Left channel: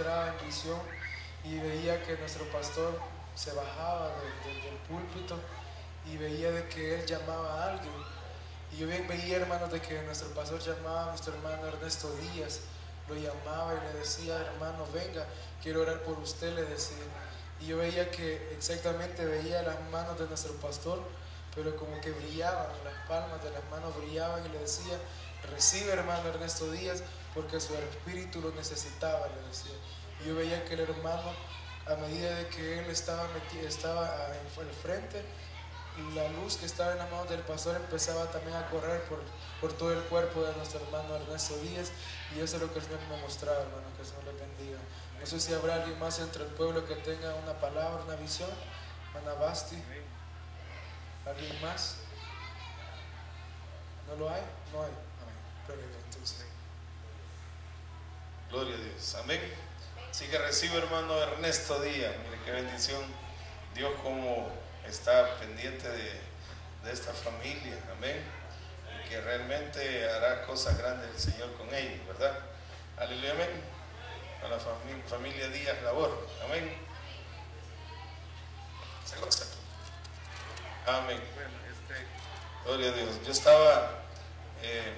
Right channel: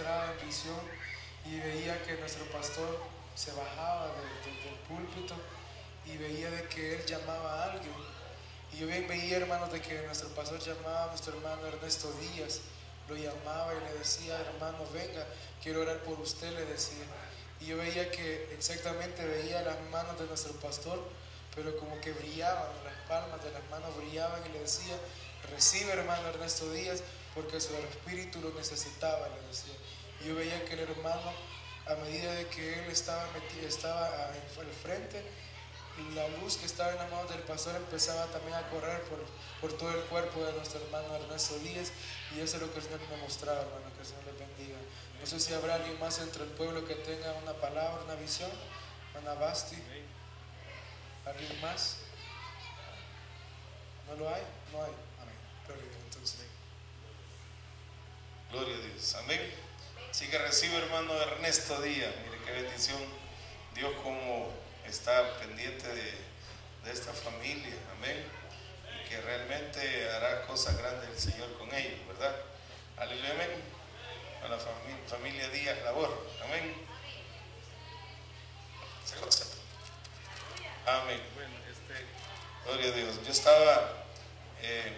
mostraba en visión y veía que nuestro pastor se bajaba del púlpito y veía de que él llamaba a alguien. Y yo bien veía, hermanos, de que nuestro pastor llamaba a nuestro hermano Ernesto Díaz, lo llamaba y le decía: hermano, venga, quiero orar por usted, le decía. Y yo veía que exactamente veía las manos de nuestro pastor, pero como que brillaban, las palmas de las manos brillaban, y le decía: recibe, hermano Ernesto Díaz, porque su espíritu lo necesitaba, le decía. Y yo veía que el hermano, a medida de que él estaba al frente, y la luz que estaba en las manos del pastor empezaba también a correr por todo el cuerpo de nuestro hermano Ernesto Díaz. Y eso es lo que el Señor me mostraba, hermano. Que el Señor les bendiga. No sé si habrá alguien más entre el pueblo que tenga una palabra, una visión. Ana Basti, ¿alguien más? ¿No lo hay? No hay. Amén. Perfecto, entonces. Gloria a Dios. Amén. Así que recibo, hermano Ernesto Díaz. Mire qué bendición. Dios como está pendiente de esta familia. Amén. Y que realmente hará cosas grandes el Señor con ellos, ¿verdad? Aleluya, amén. Con la familia Díaz Labor. Amén. ¿Se goza? Amén. Bueno, gloria a Dios. Yo estaba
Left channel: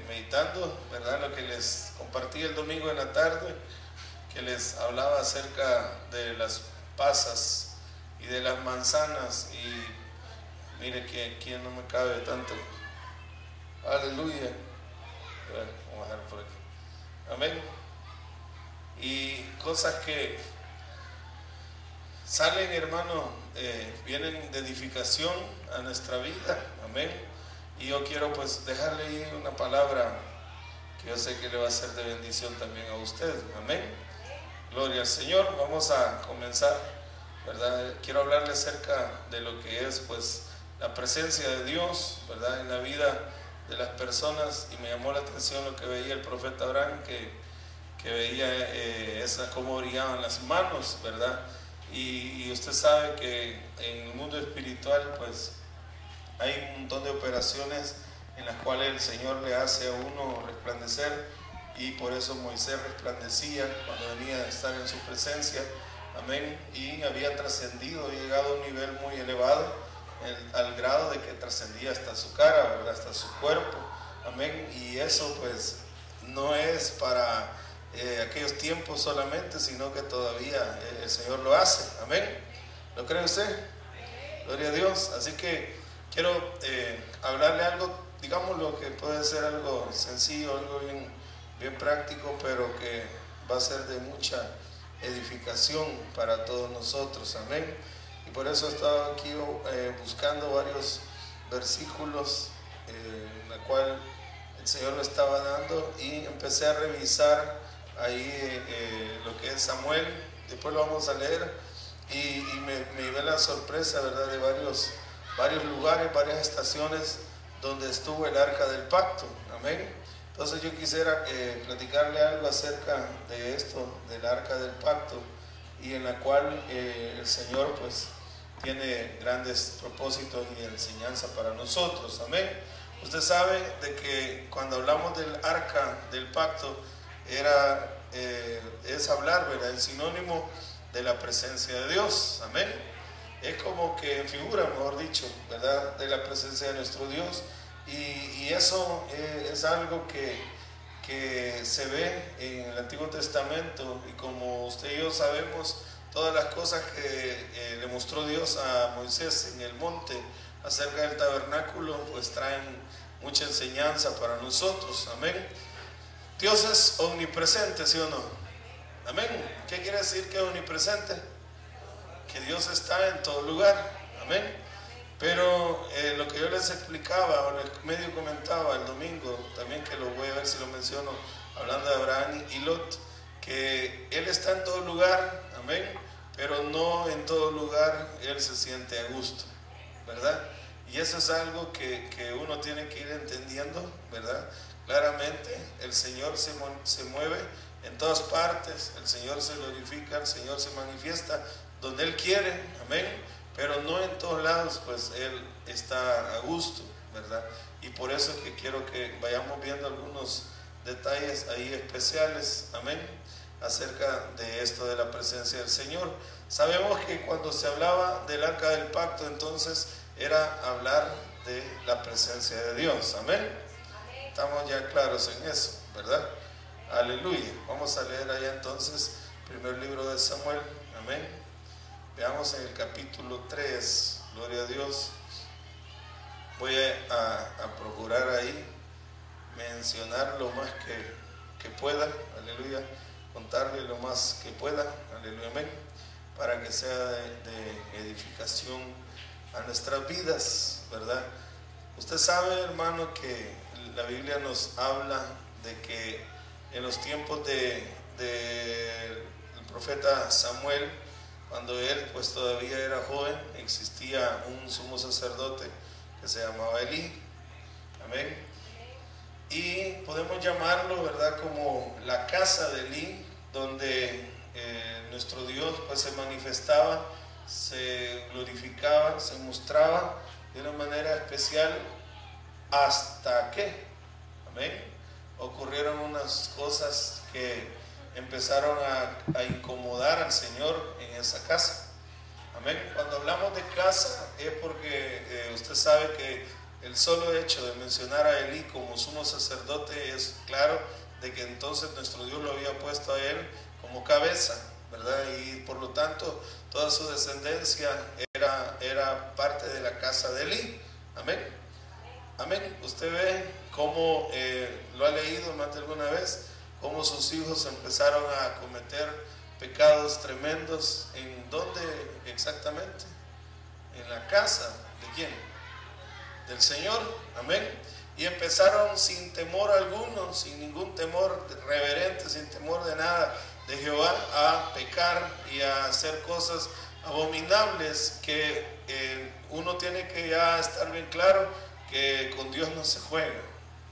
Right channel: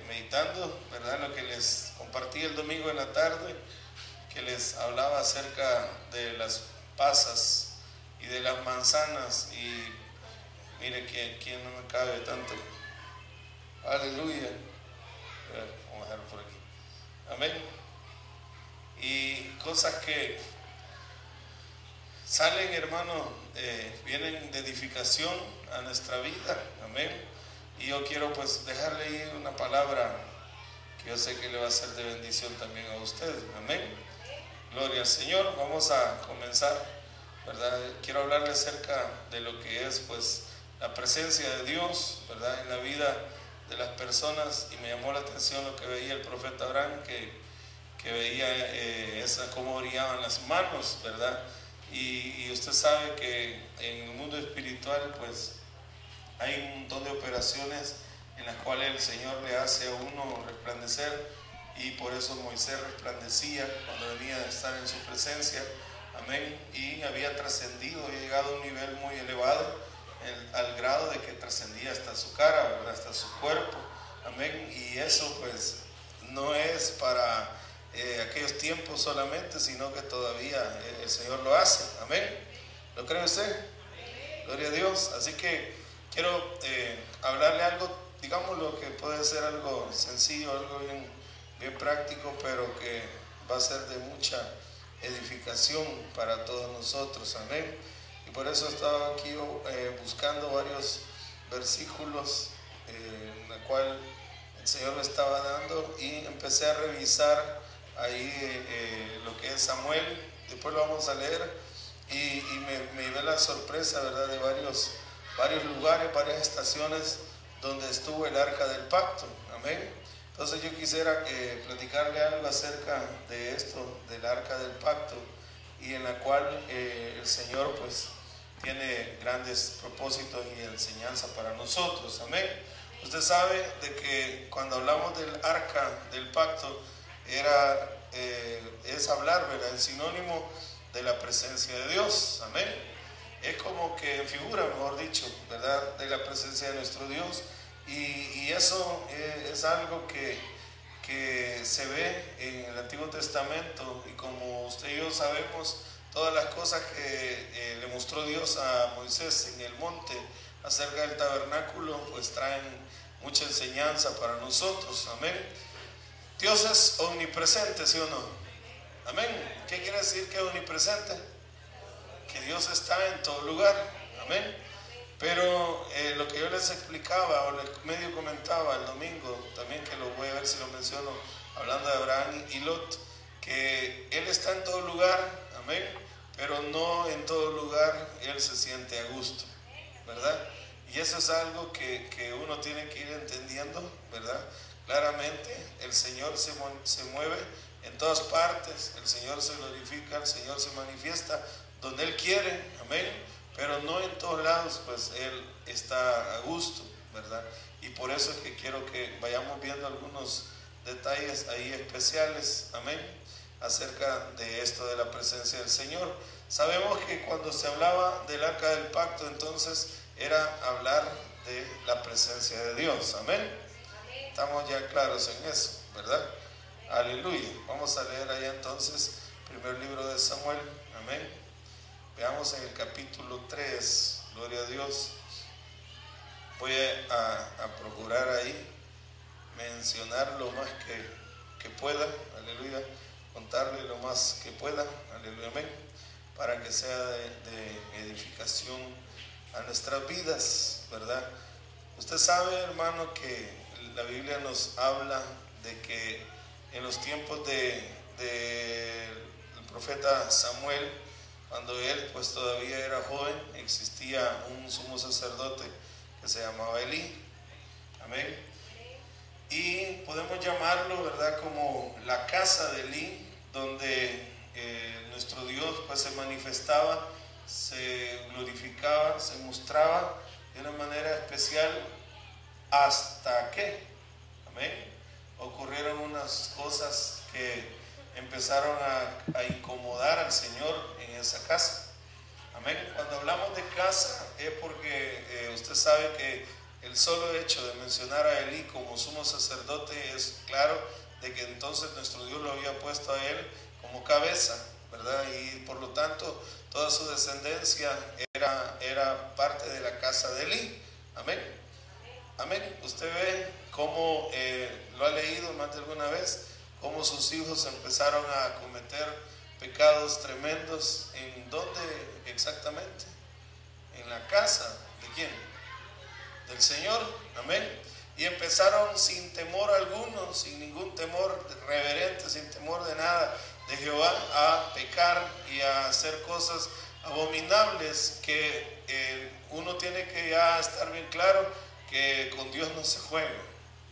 meditando, ¿verdad? Lo que les compartí el domingo en la tarde, que les hablaba acerca de las pasas y de las manzanas. Y mire quién no me cabe tanto. Aleluya. Vamos a dejar por aquí. Amén. Y cosas que salen, hermano, vienen de edificación a nuestra vida. Amén. Y yo quiero pues dejarle ahí una palabra que yo sé que le va a ser de bendición también a usted. Amén. Gloria al Señor. Vamos a comenzar, ¿verdad? Quiero hablarle acerca de lo que es pues la presencia de Dios, ¿verdad? En la vida de las personas. Y me llamó la atención lo que veía el profeta Abraham, que veía cómo brillaban las manos, ¿verdad? Y usted sabe que en el mundo espiritual pues hay un montón de operaciones en las cuales el Señor le hace a uno resplandecer, y por eso Moisés resplandecía cuando venía a estar en su presencia. Amén. Y había trascendido, había llegado a un nivel muy elevado, al grado de que trascendía hasta su cara, ¿verdad? Hasta su cuerpo. Amén. Y eso pues no es para aquellos tiempos solamente, sino que todavía el Señor lo hace. Amén. ¿Lo cree usted? Gloria a Dios. Así que quiero hablarle algo, digamos, lo que puede ser algo sencillo, algo bien práctico, pero que va a ser de mucha edificación para todos nosotros. Amén. Y por eso he estado aquí buscando varios versículos en la cual el Señor me estaba dando, y empecé a revisar ahí lo que es Samuel. Después lo vamos a leer, y me llevé la sorpresa, ¿verdad?, de varios lugares, varias estaciones donde estuvo el arca del pacto. Amén. Entonces yo quisiera platicarle algo acerca de esto, del arca del pacto, y en la cual el Señor pues tiene grandes propósitos y enseñanza para nosotros. Amén. Usted sabe de que cuando hablamos del arca del pacto es hablar, ¿verdad?, el sinónimo de la presencia de Dios. Amén. Es como que en figura, mejor dicho, ¿verdad?, de la presencia de nuestro Dios. Y eso es algo que se ve en el Antiguo Testamento, y como usted y yo sabemos, todas las cosas que le mostró Dios a Moisés en el monte acerca del tabernáculo, pues traen mucha enseñanza para nosotros. Amén. Dios es omnipresente, ¿sí o no? Amén. ¿Qué quiere decir que es omnipresente? Que Dios está en todo lugar. Amén. Pero lo que yo les explicaba, o medio comentaba el domingo, también, que lo voy a ver si lo menciono, hablando de Abraham y Lot, que Él está en todo lugar. Amén. Pero no en todo lugar Él se siente a gusto, ¿verdad? Y eso es algo que uno tiene que ir entendiendo, ¿verdad? Claramente el Señor se mueve en todas partes, el Señor se glorifica, el Señor se manifiesta donde Él quiere. Amén. Pero no en todos lados pues Él está a gusto, ¿verdad? Y por eso es que quiero que vayamos viendo algunos detalles ahí especiales. Amén. acerca de esto de la presencia del Señor. Sabemos que cuando se hablaba del arca del pacto, entonces era hablar de la presencia de Dios. Amén. Estamos ya claros en eso, ¿verdad? Aleluya. Vamos a leer allá entonces primer libro de Samuel. Amén. Veamos en el capítulo 3. Gloria a Dios. Voy a procurar ahí mencionar lo más que pueda. Aleluya. Contarle lo más que pueda. Aleluya. Amén. Para que sea de edificación a nuestras vidas, ¿verdad? Usted sabe, hermano, que la Biblia nos habla de que en los tiempos del profeta Samuel, cuando él pues todavía era joven, existía un sumo sacerdote que se llamaba Elí. Amén. Y podemos llamarlo, ¿verdad?, como la casa de Elí, donde nuestro Dios pues se manifestaba, se glorificaba, se mostraba de una manera especial, hasta que, amén, ocurrieron unas cosas que empezaron a incomodar al Señor en esa casa. Amén. Cuando hablamos de casa es porque usted sabe que el solo hecho de mencionar a Elí como sumo sacerdote es claro de que entonces nuestro Dios lo había puesto a él como cabeza, ¿verdad? Y por lo tanto toda su descendencia era parte de la casa de Elí. Amén. Amén. Usted ve cómo lo ha leído más de alguna vez, cómo sus hijos empezaron a cometer pecados tremendos. ¿En dónde exactamente? En la casa de ¿quién? Del Señor. Amén. Y empezaron sin temor alguno, sin ningún temor reverente, sin temor de nada de Jehová, a pecar y a hacer cosas abominables que uno tiene que ya estar bien claro que con Dios no se juega.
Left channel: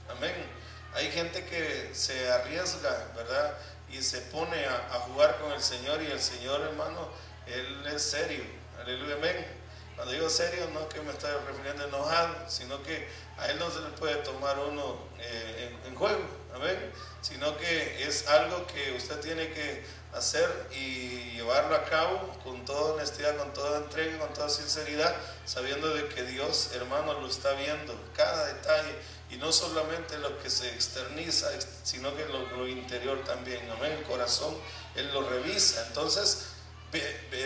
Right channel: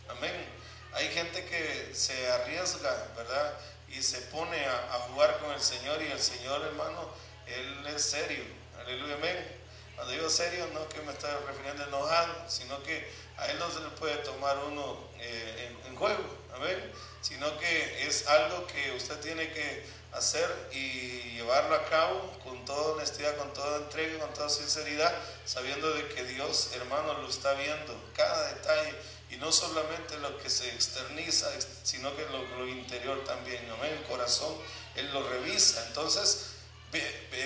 Amén. Hay gente que se arriesga, ¿verdad?, y se pone a jugar con el Señor, y el Señor, hermano, Él es serio. Aleluya, amén. Cuando digo serio, no que me estoy refiriendo a enojado, sino que a Él no se le puede tomar uno en juego, amén, sino que es algo que usted tiene que hacer y llevarlo a cabo con toda honestidad, con toda entrega, con toda sinceridad, sabiendo de que Dios, hermano, lo está viendo, cada detalle, y no solamente lo que se externiza, sino que lo interior también, amén, el corazón, Él lo revisa. Entonces,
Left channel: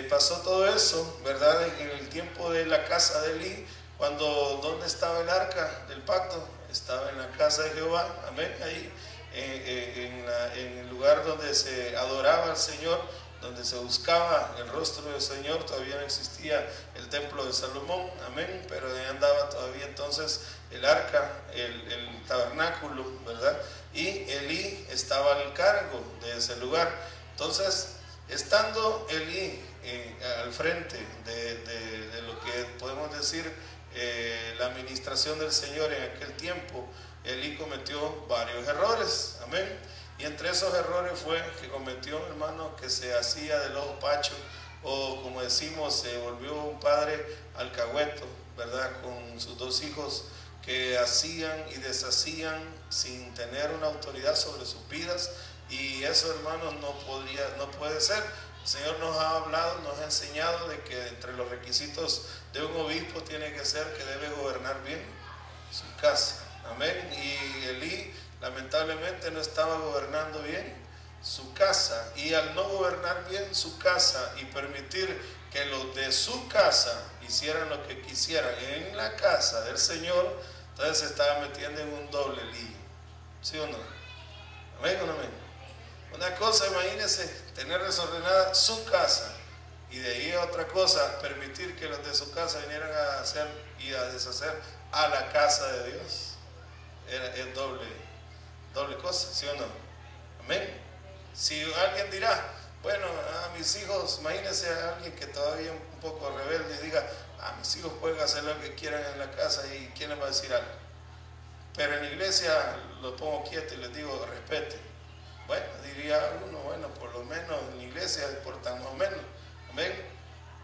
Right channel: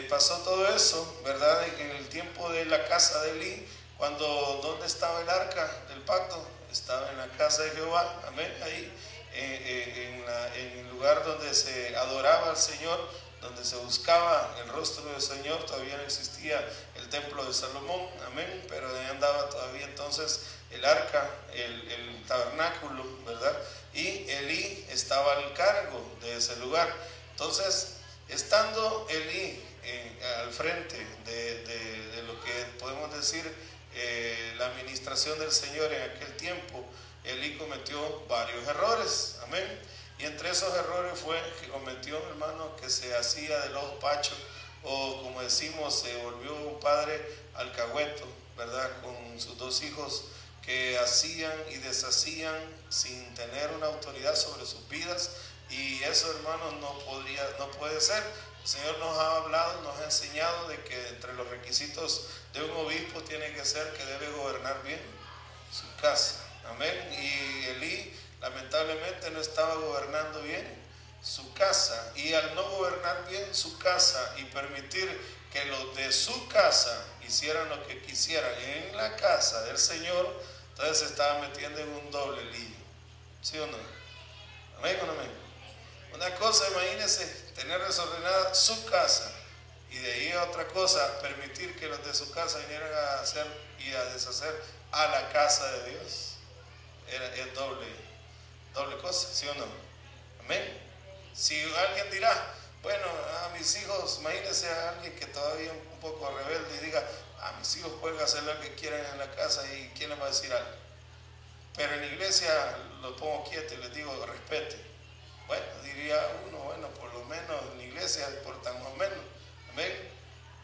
pasó todo eso, ¿verdad?, en el tiempo de la casa de Elí, cuando, ¿dónde estaba el arca del pacto? Estaba en la casa de Jehová, amén, ahí, en el lugar donde se adoraba al Señor, donde se buscaba el rostro del Señor. Todavía no existía el templo de Salomón, amén, pero ahí andaba todavía entonces el arca, el tabernáculo, ¿verdad? Y Elí estaba al cargo de ese lugar. Entonces, estando Elí al frente de lo que podemos decir la administración del Señor en aquel tiempo, Elí cometió varios errores, amén. Y entre esos errores fue que cometió, hermano, que se hacía del ojo pacho, o como decimos, se volvió un padre alcahueto, ¿verdad?, con sus dos hijos, que hacían y deshacían sin tener una autoridad sobre sus vidas. Y eso, hermano, no puede ser. El Señor nos ha hablado, nos ha enseñado de que entre los requisitos de un obispo tiene que ser que debe gobernar bien su casa. Amén. Y Elí lamentablemente no estaba gobernando bien su casa, y al no gobernar bien su casa y permitir que los de su casa hicieran lo que quisieran en la casa del Señor, entonces se estaba metiendo en un doble lío. ¿Sí o no? Amén o no amén. Una cosa, imagínense, tener desordenada su casa, y de ahí a otra cosa, permitir que los de su casa vinieran a hacer y a deshacer a la casa de Dios. Es doble cosa, ¿sí o no? Amén. Si alguien dirá, bueno, a mis hijos, imagínense a alguien que todavía es un poco rebelde y diga, a mis hijos pueden hacer lo que quieran en la casa, y ¿quién les va a decir algo? Pero en la iglesia los pongo quieto y les digo, respete. Bueno, diría uno, bueno, por lo menos en la iglesia se portan más o menos, amén.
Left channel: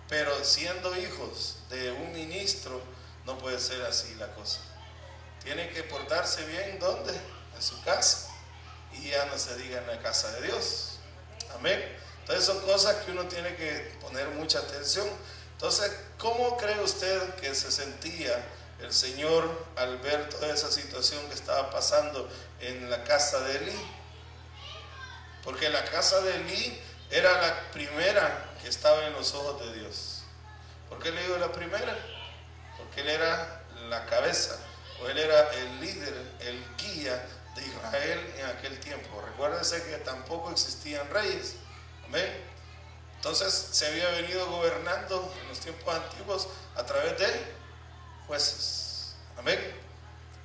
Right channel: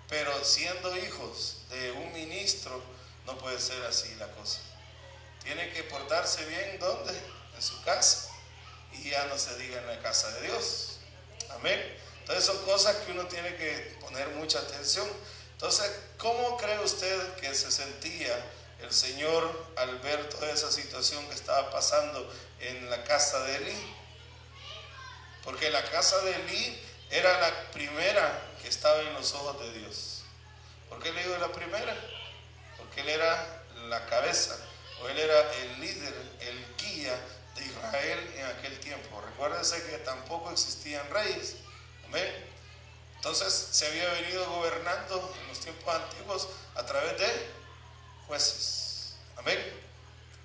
Pero siendo hijos de un ministro, no puede ser así la cosa. Tiene que portarse bien, ¿dónde? En su casa. Y ya no se diga en la casa de Dios. Amén. Entonces son cosas que uno tiene que poner mucha atención. Entonces, ¿cómo cree usted que se sentía el Señor al ver toda esa situación que estaba pasando en la casa de Elí? Porque la casa de Elí era la primera que estaba en los ojos de Dios. ¿Por qué le digo la primera? Porque él era la cabeza, o él era el líder, el guía de Israel en aquel tiempo. Recuérdense que tampoco existían reyes. Amén. Entonces se había venido gobernando en los tiempos antiguos a través de jueces. Amén.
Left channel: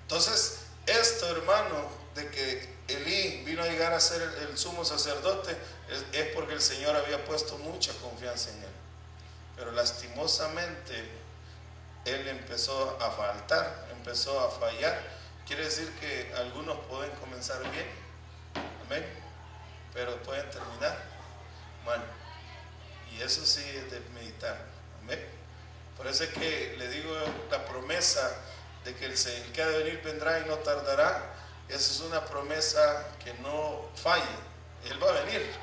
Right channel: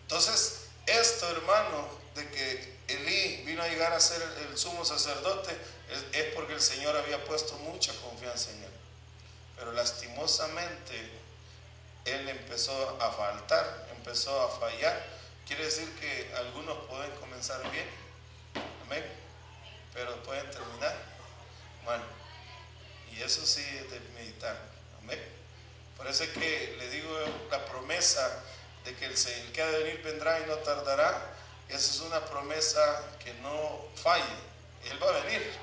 Entonces esto, hermano, de que Elí vino a llegar a ser el sumo sacerdote es porque el Señor había puesto mucha confianza en él. Pero lastimosamente él empezó a faltar, empezó a fallar. Quiere decir que algunos pueden comenzar bien, amén, pero pueden terminar mal. Y eso sí es de meditar, amén. Por eso es que le digo, la promesa de que el que ha de venir vendrá y no tardará, esa es una promesa que no falla. Él va a venir,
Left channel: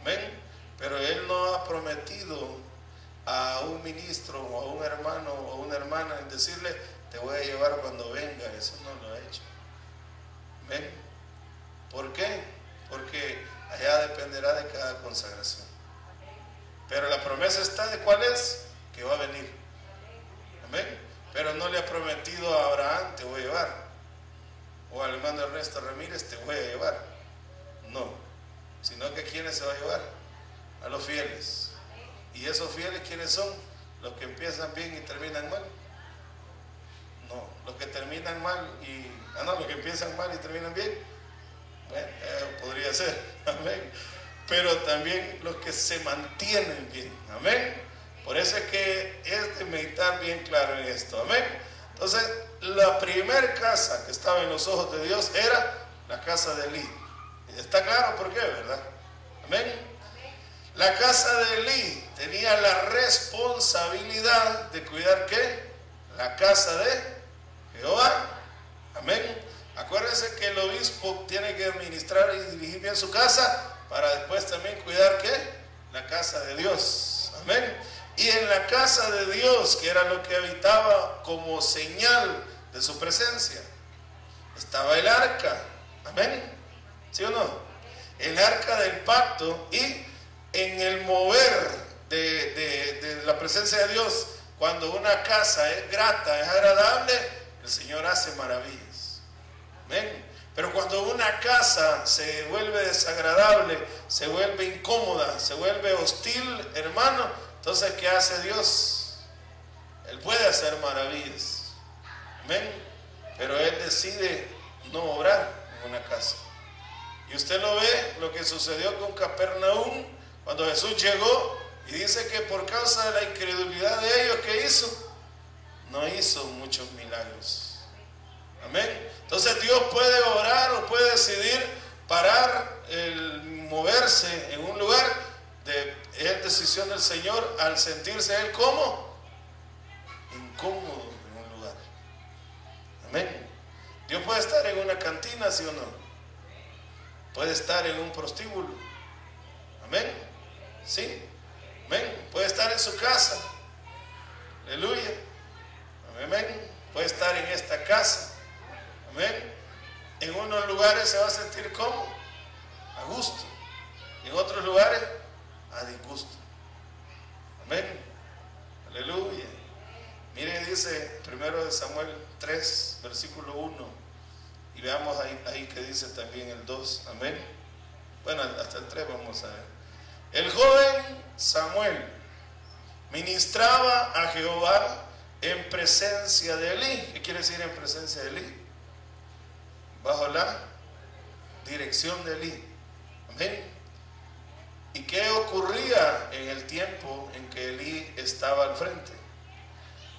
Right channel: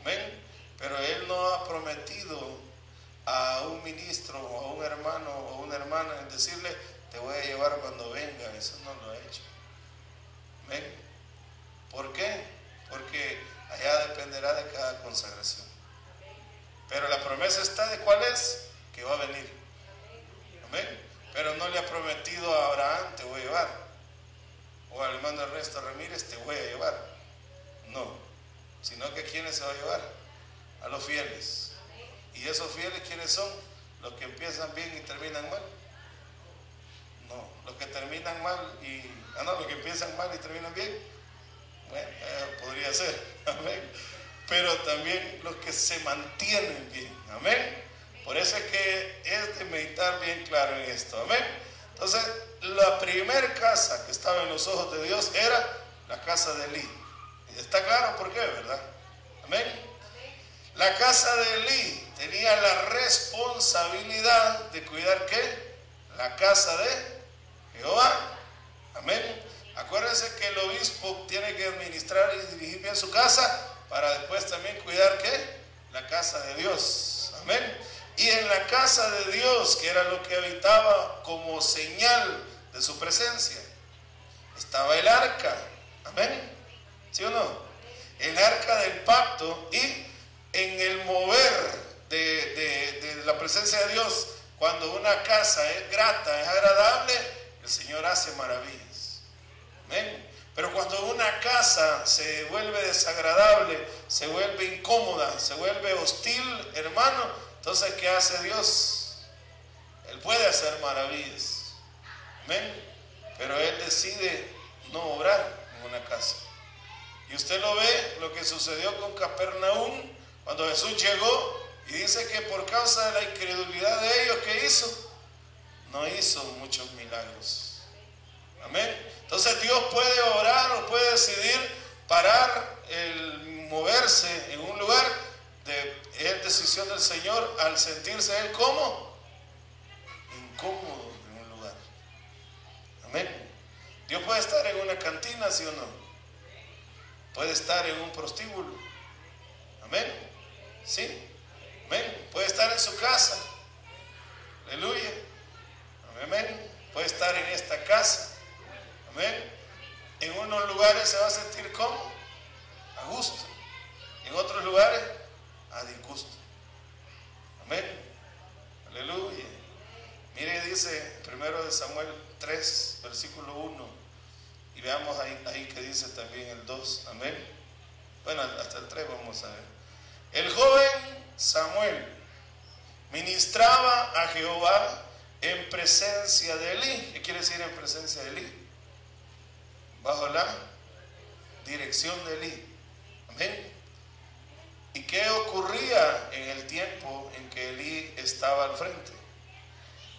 amén, pero él no ha prometido a un ministro o a un hermano o una hermana en decirle: te voy a llevar cuando venga. Eso no lo ha hecho, amén. ¿Por qué? Porque allá dependerá de cada consagración, pero la promesa está de cuál es, que va a venir, amén. Pero no le ha prometido a Abraham: te voy a llevar, o al hermano Ernesto Ramírez: te voy a llevar. No, sino que ¿quiénes se va a llevar? A los fieles. ¿Y esos fieles quiénes son? ¿Los que empiezan bien y terminan mal? No, los que terminan mal y... los que empiezan mal y terminan bien. Bueno, podría ser, amén. Pero también los que se mantienen bien, amén. Por eso es que es de meditar bien claro en esto, amén. Entonces, la primera casa que estaba en los ojos de Dios era la casa de Elí. ¿Está claro por qué, verdad? Amén. La casa de Elí tenía la responsabilidad de cuidar ¿qué? La casa de Jehová. Amén. Acuérdense que el obispo tiene que administrar y dirigir bien su casa para después también cuidar ¿qué? La casa de Dios. Amén. Y en la casa de Dios, que era lo que habitaba como señal de su presencia, estaba el arca. Amén. ¿Sí o no? El arca del pacto. Y en el mover de la presencia de Dios, cuando una casa es grata, es agradable, el Señor hace maravillas. Amén. Pero cuando una casa se vuelve desagradable, se vuelve incómoda, se vuelve hostil, hermano, entonces ¿qué hace Dios? Él puede hacer maravillas, amén, pero Él decide no obrar en una casa. Y usted lo ve, lo que sucedió con Capernaum, cuando Jesús llegó, y dice que por causa de la incredulidad de ellos, ¿qué hizo? No hizo muchos milagros. Amén. Entonces Dios puede obrar o puede decidir parar el moverse en un lugar, es decisión del Señor al sentirse Él como incómodo en un lugar. Amén. Dios puede estar en una cantina, ¿sí o no? Puede estar en un prostíbulo. Amén. Sí. Amén. Puede estar en su casa. Aleluya. Amén. Puede estar en esta casa. Amén. En unos lugares se va a sentir como a gusto, en otros lugares a disgusto. Amén. Aleluya. Mire, dice 1 Samuel 3, versículo 1, y veamos ahí que dice también el 2. Amén. Bueno, hasta el 3 vamos a ver. El joven Samuel ministraba a Jehová en presencia de Elí. ¿Qué quiere decir en presencia de Elí? Bajo la dirección de Elí. Amén. ¿Y qué ocurría en el tiempo en que Elí estaba al frente?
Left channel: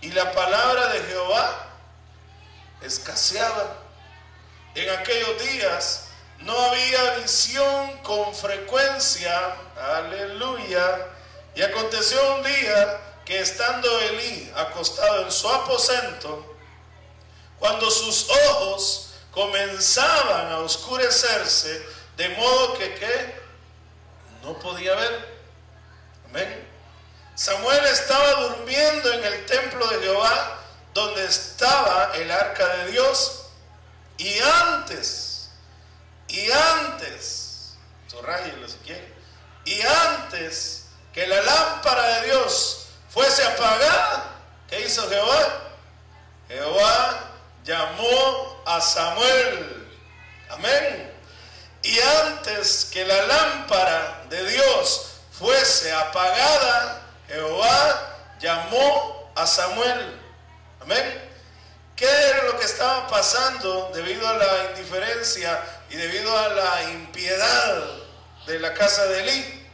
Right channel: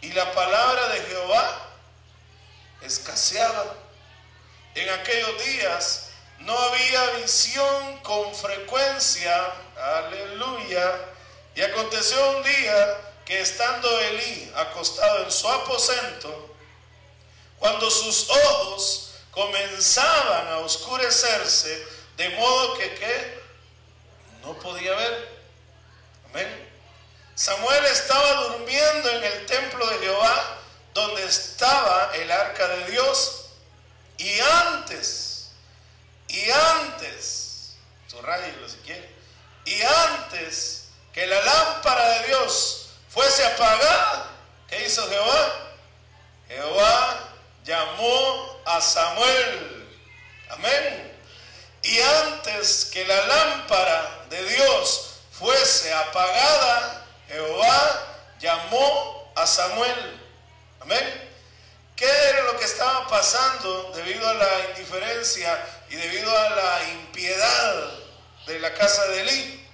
Y la palabra de Jehová escaseaba. En aquellos días no había visión con frecuencia. Aleluya. Y aconteció un día que estando Elí acostado en su aposento, cuando sus ojos comenzaban a oscurecerse, de modo que no podía ver. Amén. Samuel estaba durmiendo en el templo de Jehová, donde estaba el arca de Dios, y antes, subrayelo si quiere, y antes que la lámpara de Dios fuese apagada, ¿qué hizo Jehová? Jehová llamó a Samuel. Amén. Y antes que la lámpara de Dios fuese apagada, Jehová llamó a Samuel. Amén. ¿Qué era lo que estaba pasando debido a la indiferencia y debido a la impiedad de la casa de Elí?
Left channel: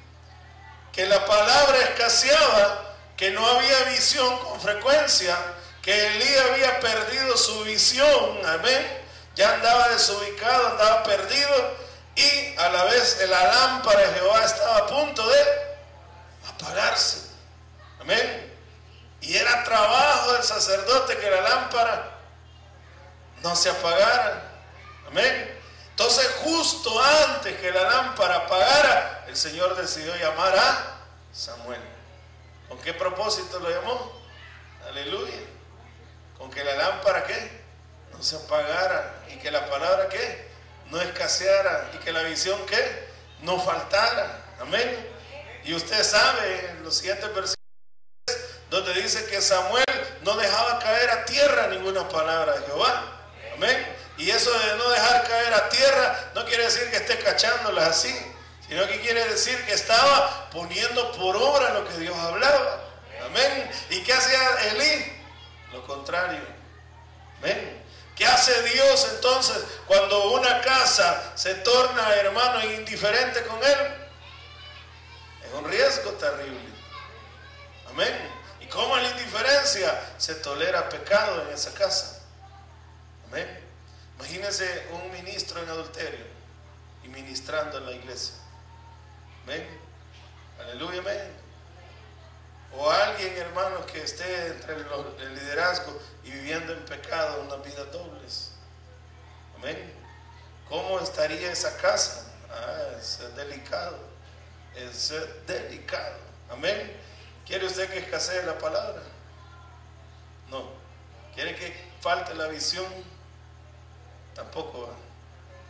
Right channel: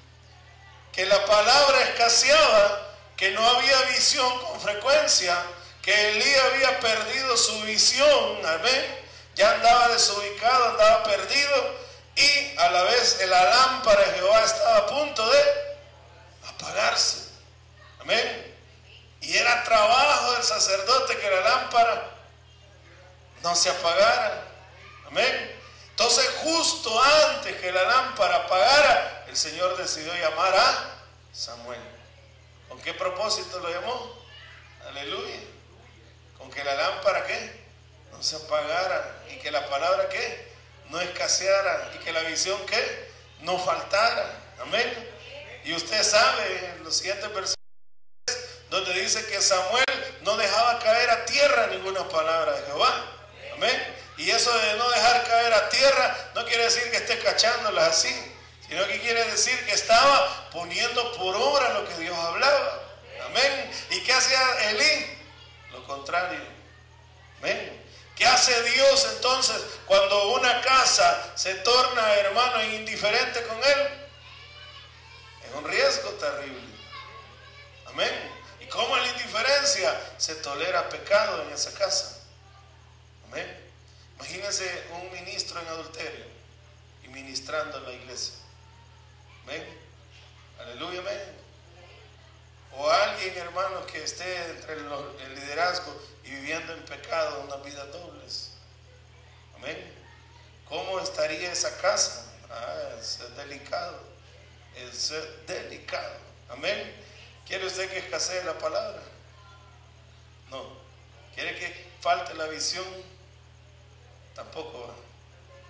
Que la palabra escaseaba, que no había visión con frecuencia, que Elí había perdido su visión, amén, ya andaba desubicado, andaba perdido, y a la vez la lámpara de Jehová estaba a punto de apagarse, amén, y era trabajo del sacerdote que la lámpara no se apagara, amén. Entonces justo antes que la lámpara apagara, el Señor decidió llamar a Samuel. ¿Con qué propósito lo llamó? Aleluya. Con que la lámpara ¿qué? No se apagara, y que la palabra ¿qué? No escaseara, y que la visión ¿qué? No faltara. Amén. Y usted sabe en los siguientes versículos donde dice que Samuel no dejaba caer a tierra ninguna palabra de Jehová. Amén. Y eso de no dejar caer a tierra no quiere decir que esté cachándolas así, sino que quiere decir que estaba poniendo por obra lo que Dios hablaba. Amén. ¿Y qué hacía Elí? Lo contrario. Amén. ¿Qué hace Dios entonces cuando una casa se torna, hermano, indiferente con él? Es un riesgo terrible. Amén. ¿Y cómo en la indiferencia se tolera pecado en esa casa? Amén. Imagínense un ministro en adulterio y ministrando en la iglesia. Amén. Aleluya, amén. O alguien, hermanos, que esté entre el liderazgo y viviendo en pecado, unas vidas dobles. Amén. ¿Cómo estaría esa casa? Es delicado. Es delicado. Amén. ¿Quiere usted que escasee la palabra? No. ¿Quiere que falte la visión? Tampoco.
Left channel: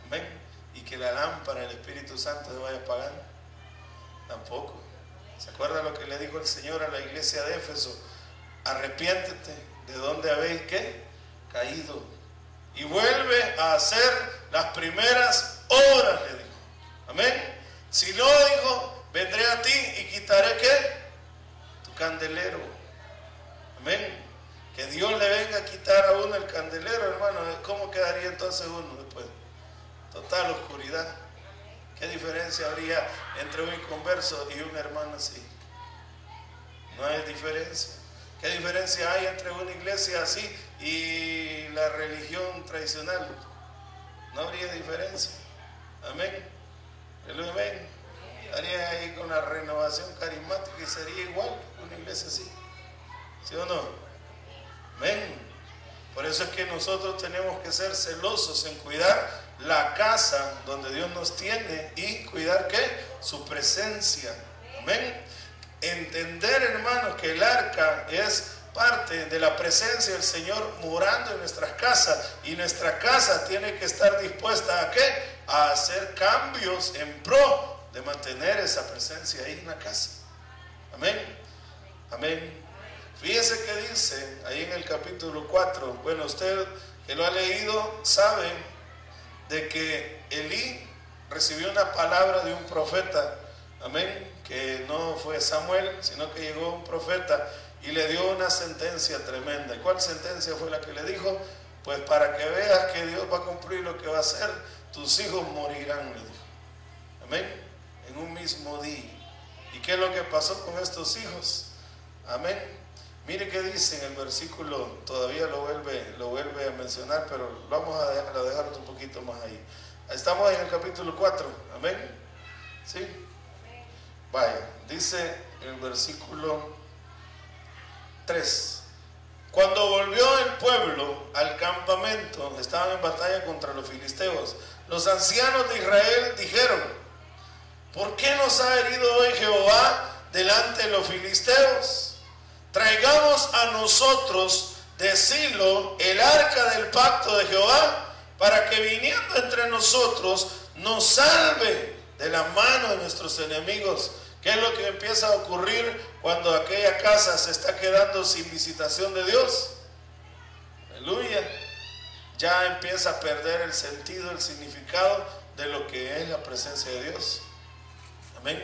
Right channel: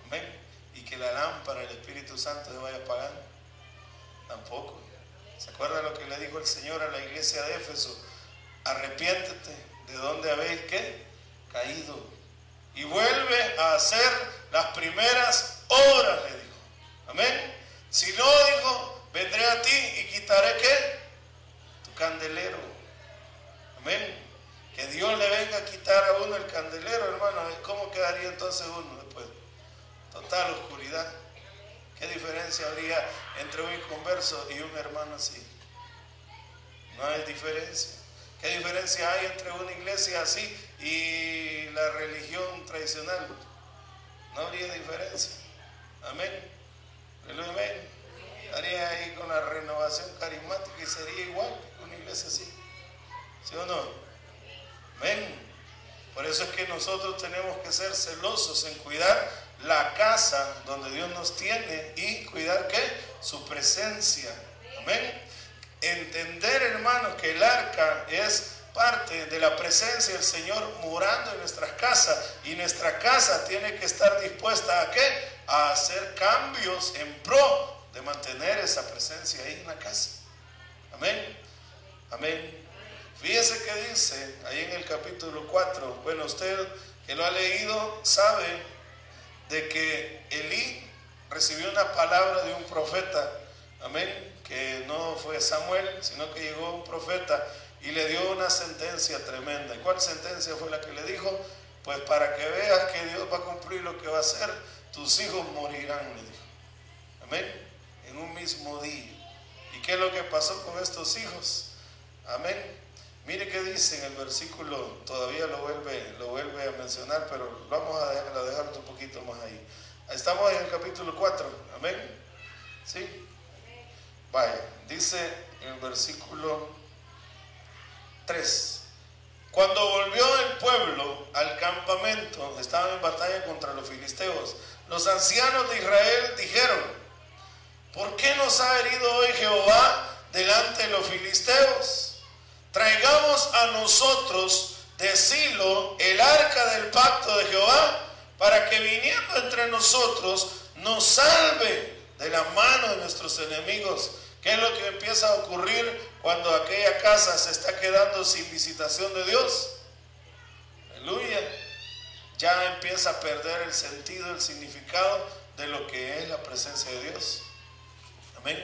Amén. ¿Y que la lámpara del Espíritu Santo se vaya a apagar? Tampoco. ¿Se acuerda lo que le dijo el Señor a la iglesia de Éfeso? Arrepiéntete de donde habéis ¿qué? Caído, y vuelve a hacer las primeras obras, le dijo. Amén. Si no, dijo, vendré a ti y quitaré ¿qué? Tu candelero. Amén. Que Dios le venga a quitar a uno el candelero, hermano, ¿cómo quedaría entonces uno después? Total oscuridad. ¿Qué diferencia habría entre un inconverso y un hermano así? No hay diferencia. ¿Qué diferencia hay entre una iglesia así y la religión tradicional? No habría diferencia. Amén. Amén. Haría ahí con la renovación carismática y sería igual que una iglesia así. ¿Sí o no? Amén. Por eso es que nosotros tenemos que ser celosos en cuidar la casa donde Dios nos tiene y cuidar ¿qué? Su presencia. Amén. Entender, hermanos, que el arca es parte de la presencia del Señor morando en nuestras casas, y nuestra casa tiene que estar dispuesta ¿a qué? A hacer cambios en pro de mantener esa presencia ahí en la casa. Amén. Amén. Fíjese que dice ahí en el capítulo 4, bueno, usted que lo ha leído sabe de que Elí recibió una palabra de un profeta, amén, que no fue Samuel, sino que llegó un profeta y le dio una sentencia tremenda. ¿Y cuál sentencia fue la que le dijo? Pues para que veas que Dios va a cumplir lo que va a hacer, tus hijos morirán, le dijo. Amén, en un mismo día. ¿Y qué es lo que pasó con estos hijos? Amén. Mire qué dice en el versículo, todavía lo vuelve a mencionar, pero vamos a dejar otro poquito más ahí. Estamos en el capítulo 4, amén. ¿Sí? Vaya, dice el versículo 3. Cuando volvió el pueblo al campamento, estaban en batalla contra los filisteos. Los ancianos de Israel dijeron: ¿por qué nos ha herido hoy Jehová delante de los filisteos? Traigamos a nosotros de Silo el arca del pacto de Jehová, para que viniendo entre nosotros nos salve de la mano de nuestros enemigos. ¿Qué es lo que empieza a ocurrir cuando aquella casa se está quedando sin visitación de Dios? Aleluya. Ya empieza a perder el sentido, el significado de lo que es la presencia de Dios. Amén.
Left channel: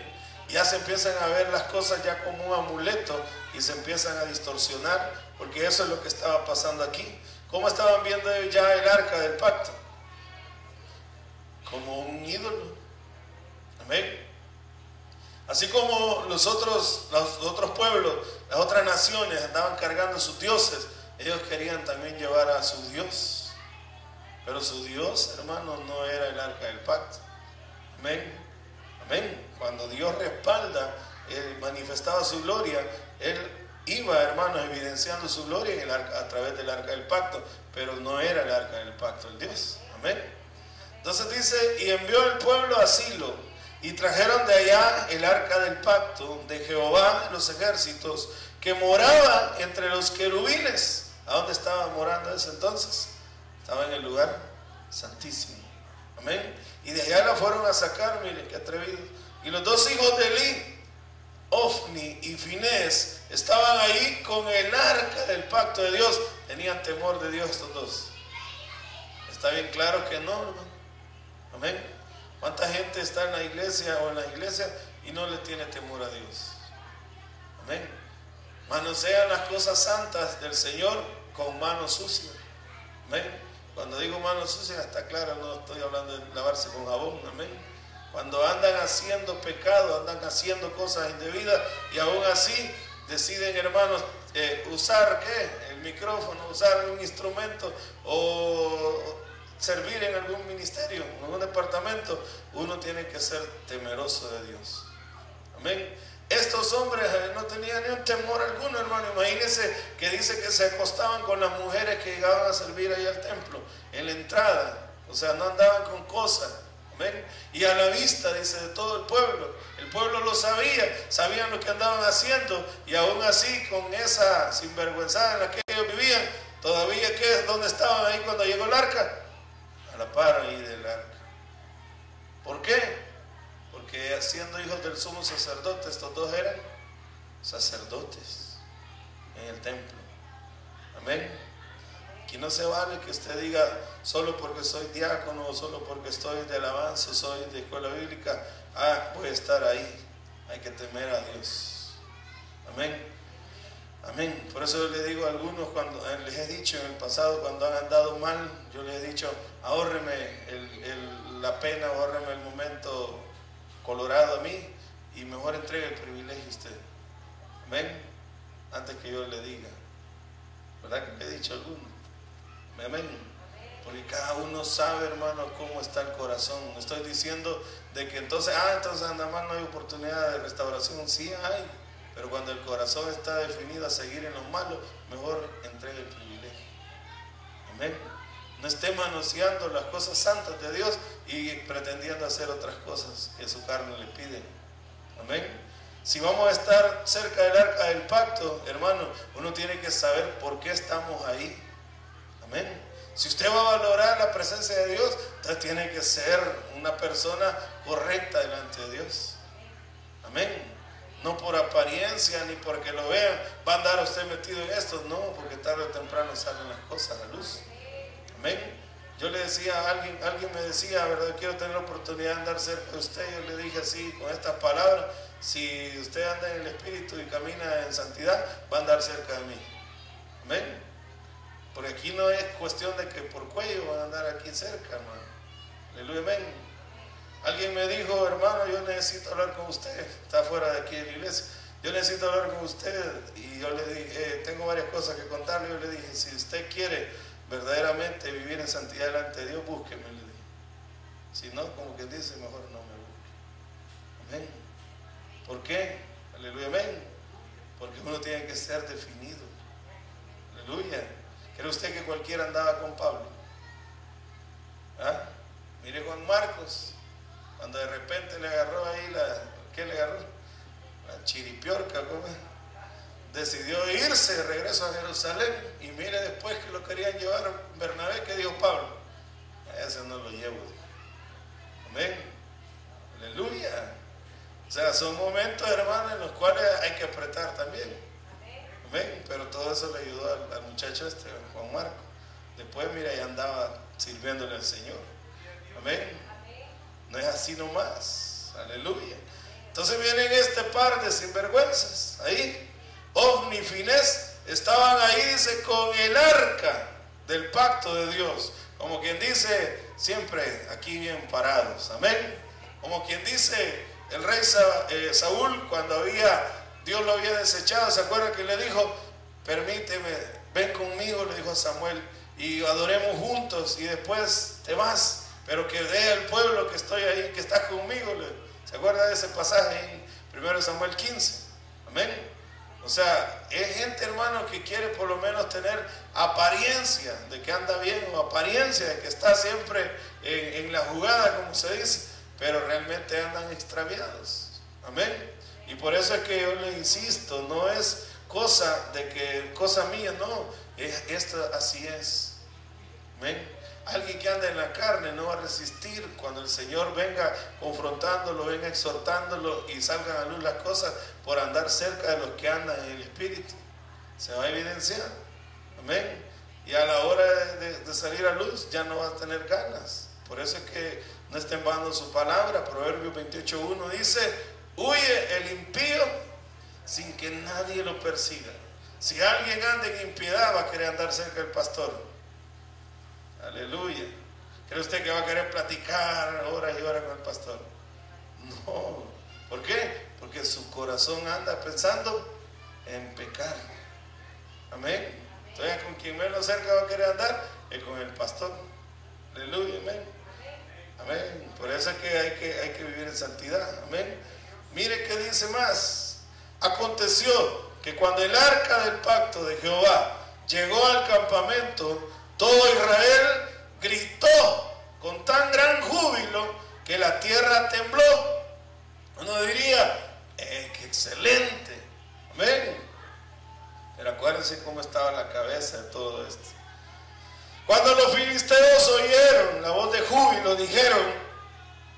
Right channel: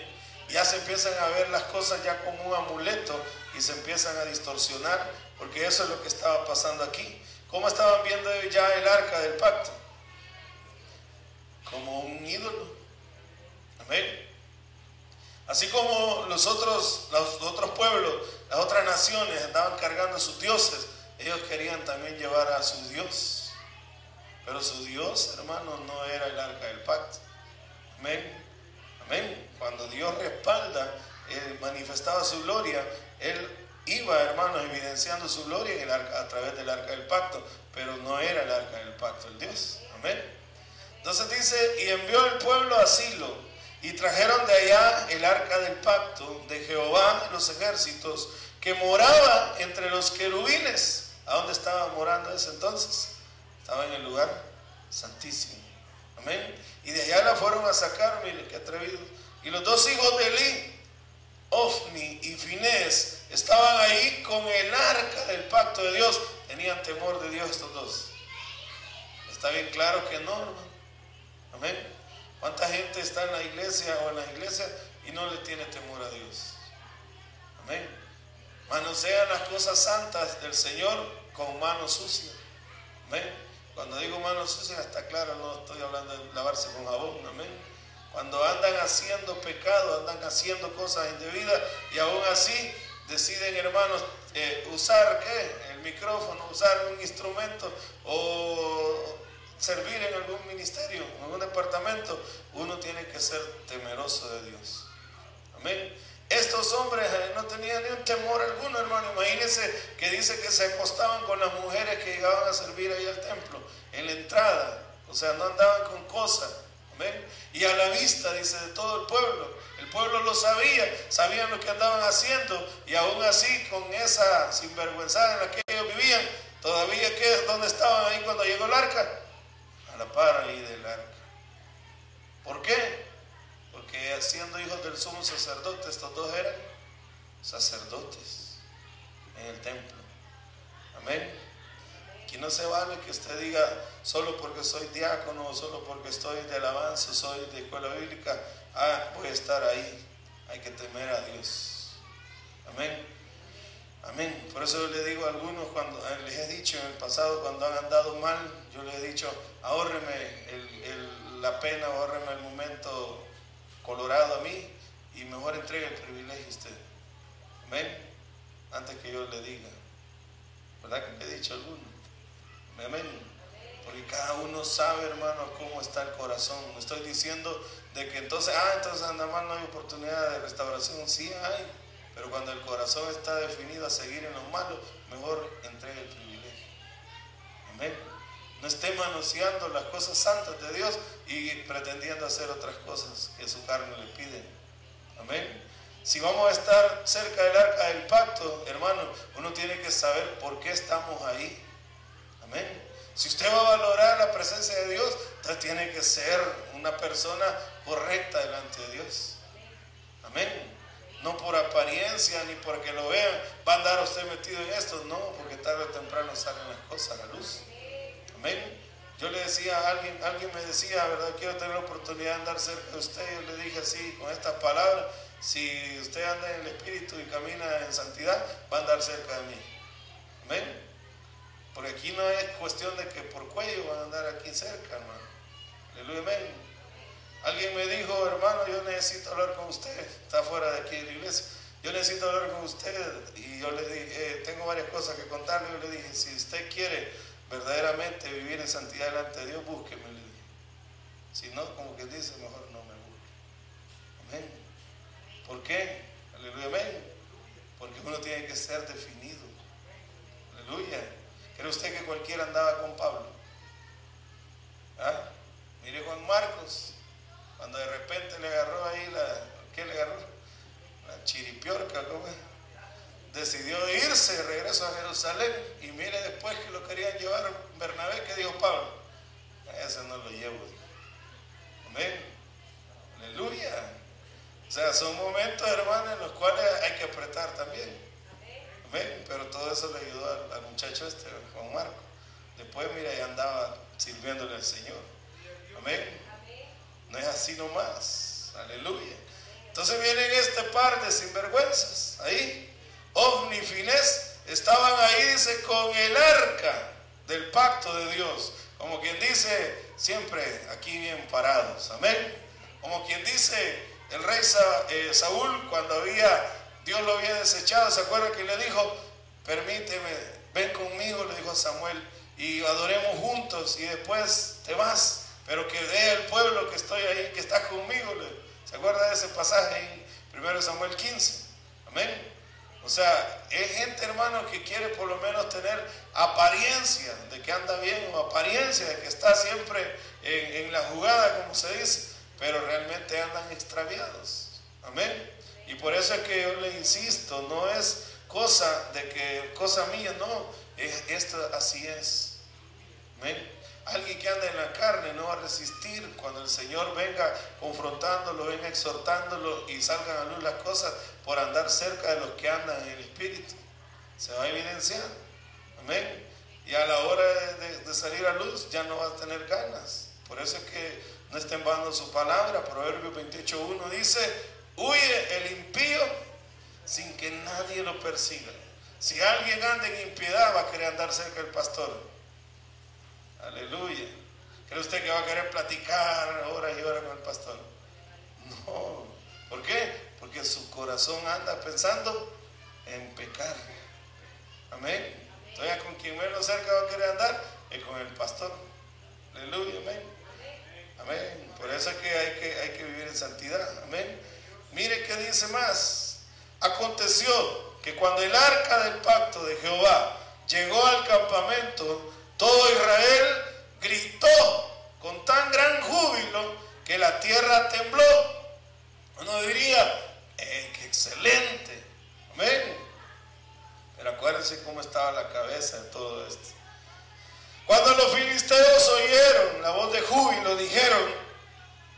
Ya se empiezan a ver las cosas ya como un amuleto y se empiezan a distorsionar, porque eso es lo que estaba pasando aquí. ¿Cómo estaban viendo ya el arca del pacto? Como un ídolo. Amén. Así como los otros pueblos, las otras naciones andaban cargando sus dioses, ellos querían también llevar a su Dios. Pero su Dios, hermano, no era el arca del pacto. Amén. Amén. Cuando Dios respalda, Él manifestaba su gloria, Él iba, hermano, evidenciando su gloria en el arca, a través del arca del pacto, pero no era el arca del pacto el Dios. Amén. Entonces dice, y envió el pueblo a Silo, y trajeron de allá el arca del pacto de Jehová de los ejércitos, que moraba entre los querubines. ¿A dónde estaba morando en ese entonces? Estaba en el lugar santísimo. Amén. Y de allá la fueron a sacar, miren qué atrevido. Y los dos hijos de Elí, Ofni y Finés, estaban ahí con el arca del pacto de Dios. Tenían temor de Dios estos dos. Está bien claro que no, hermano. Amén. ¿Cuánta gente está en la iglesia o en las iglesias y no le tiene temor a Dios? Amén. Manosean las cosas santas del Señor con manos sucias. Amén. Cuando digo manos sucias, está claro, no estoy hablando de lavarse con jabón. Amén. Cuando andan haciendo pecado, andan haciendo cosas indebidas y aún así deciden, hermanos, usar el micrófono, usar un instrumento o servir en algún ministerio, en algún departamento, uno tiene que ser temeroso de Dios. Amén. Estos hombres no tenían ni un temor alguno, hermano. Imagínense que dice que se acostaban con las mujeres que llegaban a servir ahí al templo, en la entrada. O sea, no andaban con cosas. Amén. Y a la vista, dice, de todo el pueblo. El pueblo lo sabía, sabían lo que andaban haciendo. Y aún así, con esa sinvergüenzada en la que ellos vivían, todavía, ¿dónde estaban ahí cuando llegó el arca? A la par ahí del arca. ¿Por qué? Porque siendo hijos del sumo sacerdote, estos dos eran sacerdotes en el templo. Amén. Aquí no se vale que usted diga, solo porque soy diácono, o solo porque estoy de alabanza, soy de escuela bíblica, voy a estar ahí. Hay que temer a Dios. Amén. Amén. Por eso yo le digo a algunos, cuando les he dicho en el pasado, cuando han andado mal, yo les he dicho, ahórreme la pena, ahórreme el momento colorado a mí y mejor entregue el privilegio a usted. Amén. Antes que yo le diga. ¿Verdad que le he dicho a algunos? Amén. Porque cada uno sabe, hermano, cómo está el corazón. No estoy diciendo de que entonces nada más no hay oportunidad de restauración. Sí hay, pero cuando el corazón está definido a seguir en lo malo, mejor entregue el privilegio. Amén. No esté manoseando las cosas santas de Dios y pretendiendo hacer otras cosas que su carne le pide. Amén. Si vamos a estar cerca del arca del pacto, hermano, uno tiene que saber por qué estamos ahí. Amén. Si usted va a valorar la presencia de Dios, usted tiene que ser una persona correcta delante de Dios. Amén. No por apariencia ni porque lo vean, va a andar usted metido en esto. No, porque tarde o temprano salen las cosas a la luz. Amén. Yo le decía a alguien me decía, ¿verdad? Quiero tener la oportunidad de andar cerca de usted. Yo le dije así, con estas palabras, si usted anda en el Espíritu y camina en santidad, va a andar cerca de mí. Amén. Porque aquí no es cuestión de que por cuello van a andar aquí cerca, hermano. Aleluya, amén. Alguien me dijo, hermano, yo necesito hablar con usted. Está fuera de aquí de la iglesia. Yo necesito hablar con usted. Y yo le dije, tengo varias cosas que contarle. Yo le dije, si usted quiere verdaderamente vivir en santidad delante de Dios, búsqueme, le dije. Si no, como quien dice, mejor no me busque. Amén. ¿Por qué? Aleluya, amén. Porque uno tiene que ser definido. Aleluya. ¿Cree usted que cualquiera andaba con Pablo? Mire Juan Marcos. Cuando de repente le agarró ahí ¿qué le agarró? La chiripiorca, ¿cómo es? Decidió irse de regreso a Jerusalén, y mire después que lo querían llevar Bernabé, ¿qué dijo Pablo? A ese no lo llevo. Amén. Aleluya. O sea, son momentos, hermanos, en los cuales hay que apretar también. Amén. Pero todo eso le ayudó al muchacho Juan Marco. Después, mira, ya andaba sirviéndole al Señor. Amén. No es así nomás. Aleluya. Entonces vienen este par de sinvergüenzas ahí. Ofni y Finés estaban ahí, dice, con el arca del pacto de Dios. Como quien dice, siempre aquí bien parados. Amén. Como quien dice, el rey Saúl, cuando Dios lo había desechado, ¿se acuerda que le dijo? Permíteme, ven conmigo, le dijo a Samuel, y adoremos juntos, y después te vas, pero que vea el pueblo que estoy ahí, que está conmigo. ¿Se acuerda de ese pasaje en 1 Samuel 15? Amén. O sea, es gente, hermano, que quiere por lo menos tener apariencia de que anda bien, o apariencia de que está siempre en la jugada, como se dice, pero realmente andan extraviados. Amén. Y por eso es que yo le insisto, no es cosa mía, no, esto así es. Amén. Alguien que anda en la carne no va a resistir cuando el Señor venga confrontándolo, venga exhortándolo y salgan a luz las cosas por andar cerca de los que andan en el Espíritu. Se va a evidenciar. Amén. Y a la hora de salir a luz ya no va a tener ganas. Por eso es que no está en vano su palabra. Proverbios 28:1 dice: huye el impío sin que nadie lo persiga. Si alguien anda en impiedad, va a querer andar cerca del pastor. Aleluya. ¿Cree usted que va a querer platicar horas y horas con el pastor? No. ¿Por qué? Porque su corazón anda pensando en pecar. Amén. Entonces, con quien menos cerca va a querer andar es con el pastor. Aleluya. Amén. Amén. Por eso es que hay que vivir en santidad. Amén. Mire qué dice más. Aconteció que cuando el arca del pacto de Jehová llegó al campamento, todo Israel gritó con tan gran júbilo que la tierra tembló. Uno diría, qué excelente. Amén. Pero acuérdense cómo estaba la cabeza de todo esto. Cuando los filisteos oyeron la voz de júbilo, dijeron:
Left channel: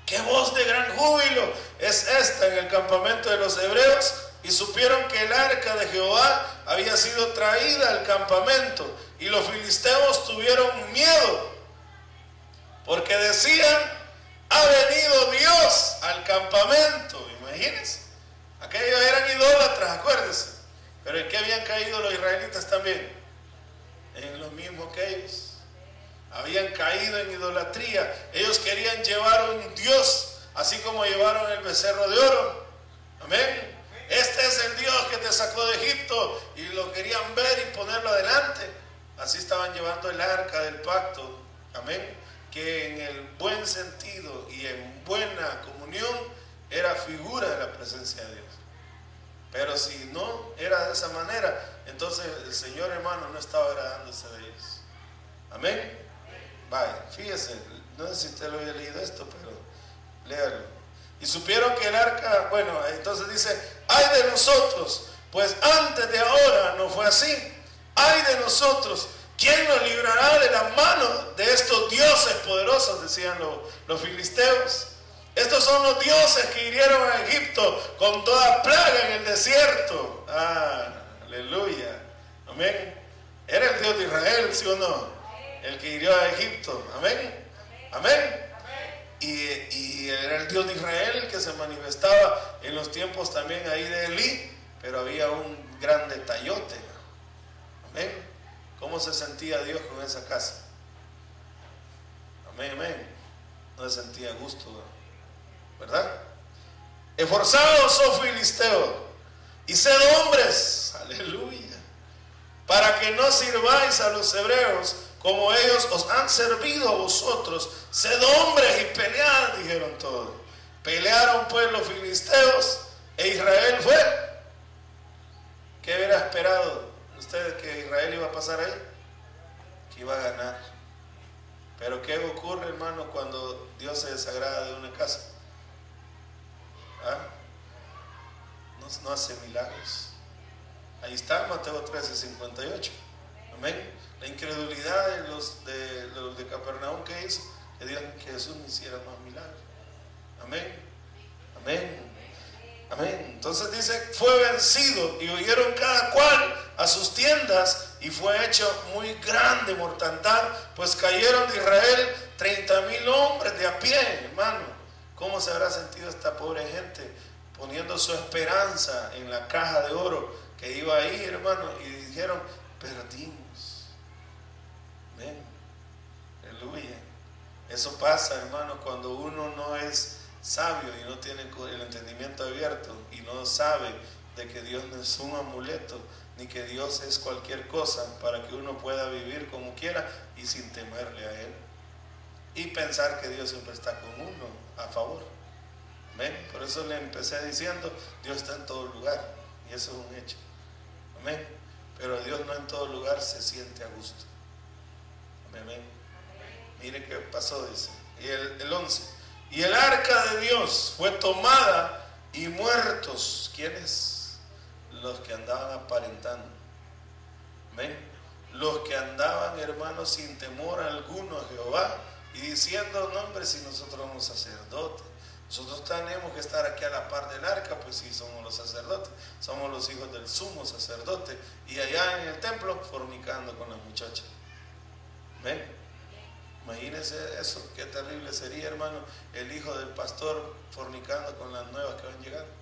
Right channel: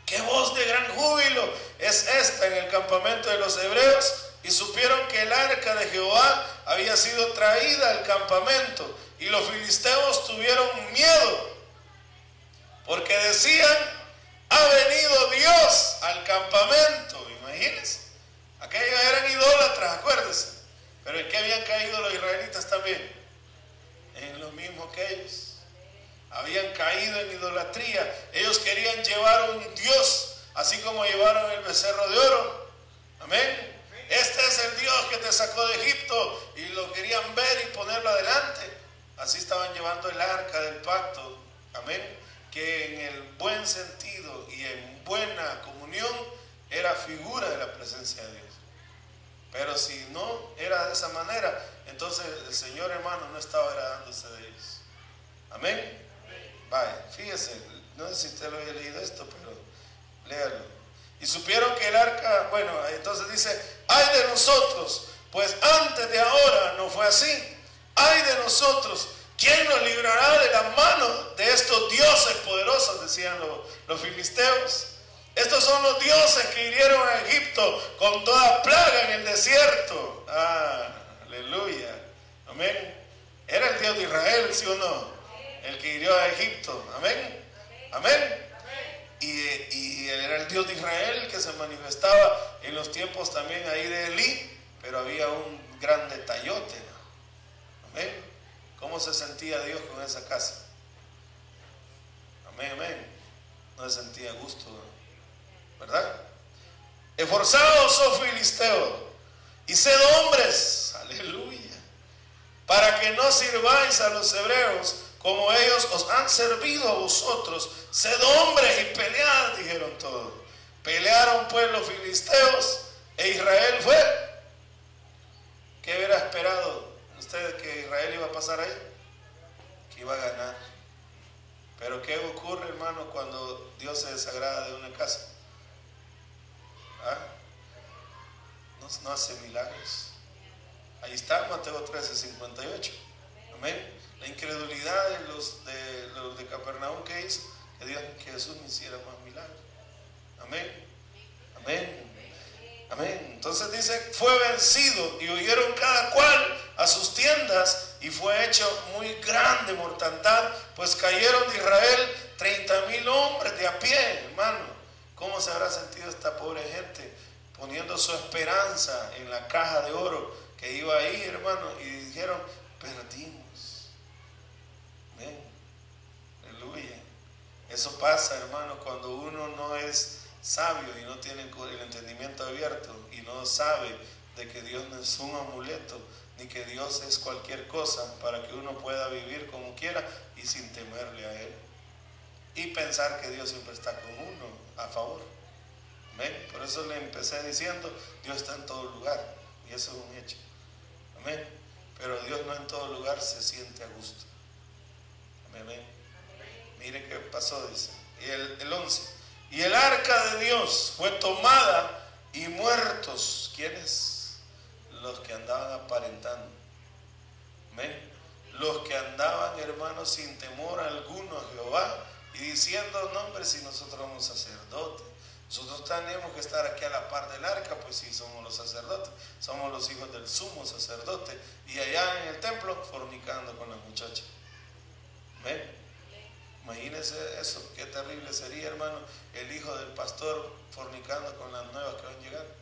¿qué voz de gran júbilo es esta en el campamento de los hebreos? Y supieron que el arca de Jehová había sido traída al campamento, y los filisteos tuvieron miedo, porque decían: ha venido Dios al campamento. Imagínense, aquellos eran idólatras, acuérdense. Pero ¿en qué habían caído los israelitas también? En lo mismo que ellos. Habían caído en idolatría. Ellos querían llevar un Dios, así como llevaron el becerro de oro. Amén. Este es el Dios que te sacó de Egipto, y lo querían ver y ponerlo adelante. Así estaban llevando el arca del pacto. Amén. Que en el buen sentido y en buena comunión era figura de la presencia de Dios. Pero si no era de esa manera, entonces el Señor, hermano, no estaba agradándose de ellos. Amén. Vaya, fíjese, no sé si usted lo había leído esto, pero léalo. Y supieron que el arca, bueno, entonces dice: ay de nosotros, pues antes de ahora no fue así. Ay de nosotros, ¿quién nos librará de la mano de estos dioses poderosos? Decían los filisteos. Estos son los dioses que hirieron a Egipto con toda plaga en el desierto. Aleluya. Amén. Era el Dios de Israel, ¿sí o no? El que hirió a Egipto. Amén. Amén. Y era el Dios de Israel el que se manifestaba en los tiempos también ahí de Elí, pero había un gran detallote. Amén. ¿Cómo se sentía Dios con esa casa? Amén, amén. No se sentía gusto, ¿verdad? Esforzaos, oh filisteos, y sed hombres, aleluya, para que no sirváis a los hebreos como ellos os han servido a vosotros. Sed hombres y pelead, dijeron todos. Pelearon pues los filisteos, e Israel fue. ¿Qué hubiera esperado usted que Israel iba a pasar ahí? Que iba a ganar. Pero ¿qué ocurre, hermano, cuando Dios se desagrada de una casa? no hace milagros. Ahí está Mateo 13:58. Amén. La incredulidad de los de Capernaum, que hizo que digan que Jesús no hiciera más milagros. Amén. Amén. Amén. Entonces dice, fue vencido y huyeron cada cual a sus tiendas y fue hecho muy grande mortandad, pues cayeron de Israel 30,000 hombres de a pie, hermano. ¿Cómo se habrá sentido esta pobre gente poniendo su esperanza en la caja de oro que iba ahí, hermano? Y dijeron, perdimos. Amén. Aleluya. Eso pasa, hermano, cuando uno no es sabio y no tiene el entendimiento abierto y no sabe de que Dios no es un amuleto ni que Dios es cualquier cosa para que uno pueda vivir como quiera y sin temerle a Él y pensar que Dios siempre está con uno a favor. Amén. Por eso le empecé diciendo, Dios está en todo lugar y eso es un hecho. Amén. Pero Dios no en todo lugar se siente a gusto. Amén. Mire qué pasó, dice. Y el 11. Y el arca de Dios fue tomada y muertos. ¿Quiénes? Los que andaban aparentando. ¿Ven? Los que andaban, hermanos, sin temor alguno a Jehová y diciendo, no, hombre, si nosotros somos sacerdotes, nosotros tenemos que estar aquí a la par del arca, pues sí, somos los sacerdotes, somos los hijos del sumo sacerdote, y allá en el templo fornicando con las muchachas. ¿Ven? Imagínense eso, qué terrible sería, hermano, el hijo del pastor fornicando con las nuevas que van llegando.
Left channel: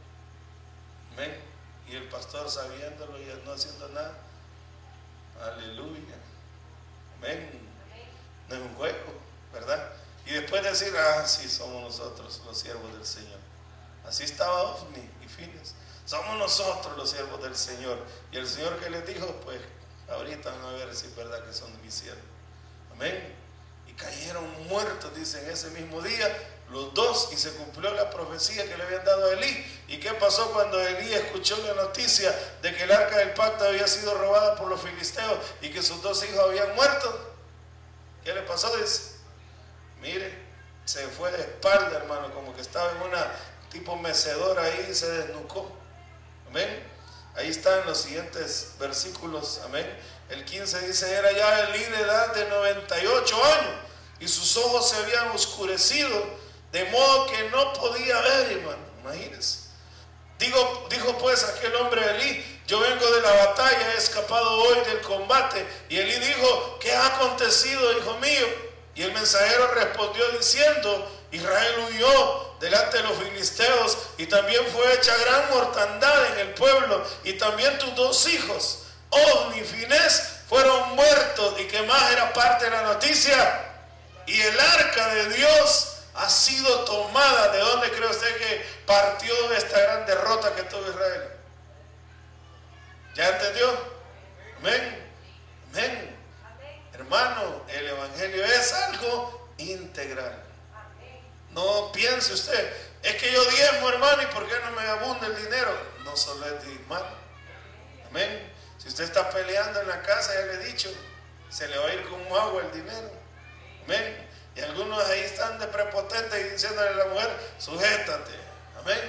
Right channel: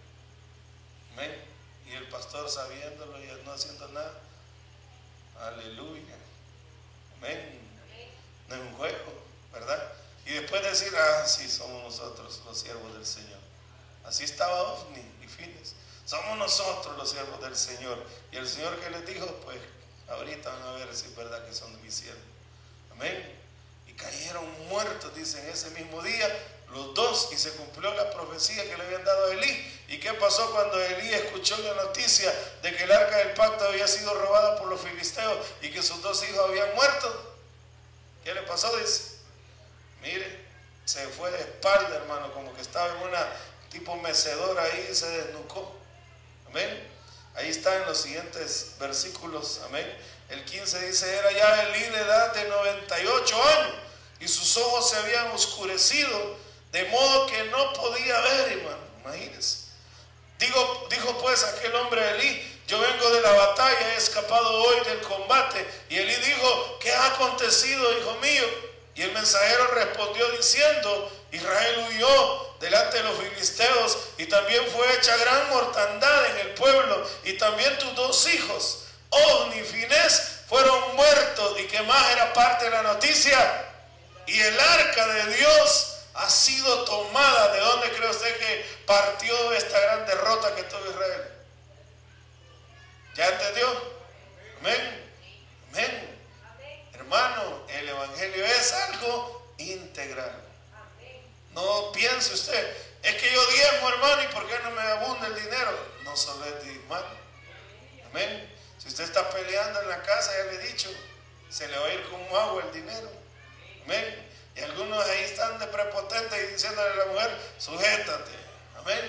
Amén. Y el pastor sabiéndolo y no haciendo nada. Aleluya. Amén. No es un juego, ¿verdad? Y después decir, sí, somos nosotros los siervos del Señor. Así estaba Ofni y Fines. Somos nosotros los siervos del Señor. Y el Señor que les dijo, pues ahorita van a ver si es verdad que son mis siervos. Amén. Y cayeron muertos, dice, en ese mismo día, los dos, y se cumplió la profecía que le habían dado a Elí. ¿Y qué pasó cuando Elí escuchó la noticia de que el arca del pacto había sido robada por los filisteos y que sus dos hijos habían muerto? ¿Qué le pasó? Dice, mire, se fue de espalda, hermano, como que estaba en una tipo mecedora ahí y se desnucó. Amén. Ahí están los siguientes versículos. Amén. El 15 dice, era ya Elí de edad de 98 años y sus ojos se habían oscurecido de modo que no podía ver, hermano. Imagínense. Dijo pues aquel hombre Elí, yo vengo de la batalla, he escapado hoy del combate. Y Elí dijo, ¿qué ha acontecido, hijo mío? Y el mensajero respondió diciendo, Israel huyó delante de los filisteos y también fue hecha gran mortandad en el pueblo, y también tus dos hijos, Ofni y Finés, fueron muertos. ¿Y qué más era parte de la noticia? Y el arca de Dios ha sido tomada. ¿De dónde cree usted que partió esta gran derrota que tuvo Israel? ¿Ya entendió? Amén. Amén. Hermano, el evangelio es algo integral. No piense usted, es que yo diezmo, hermano, ¿y por qué no me abunda el dinero? No solo es diezmar. Amén. Si usted está peleando en la casa, ya le he dicho, se le va a ir como agua el dinero. Amén. Y algunos ahí están de prepotentes y diciéndole a la mujer, sujétate. Amén.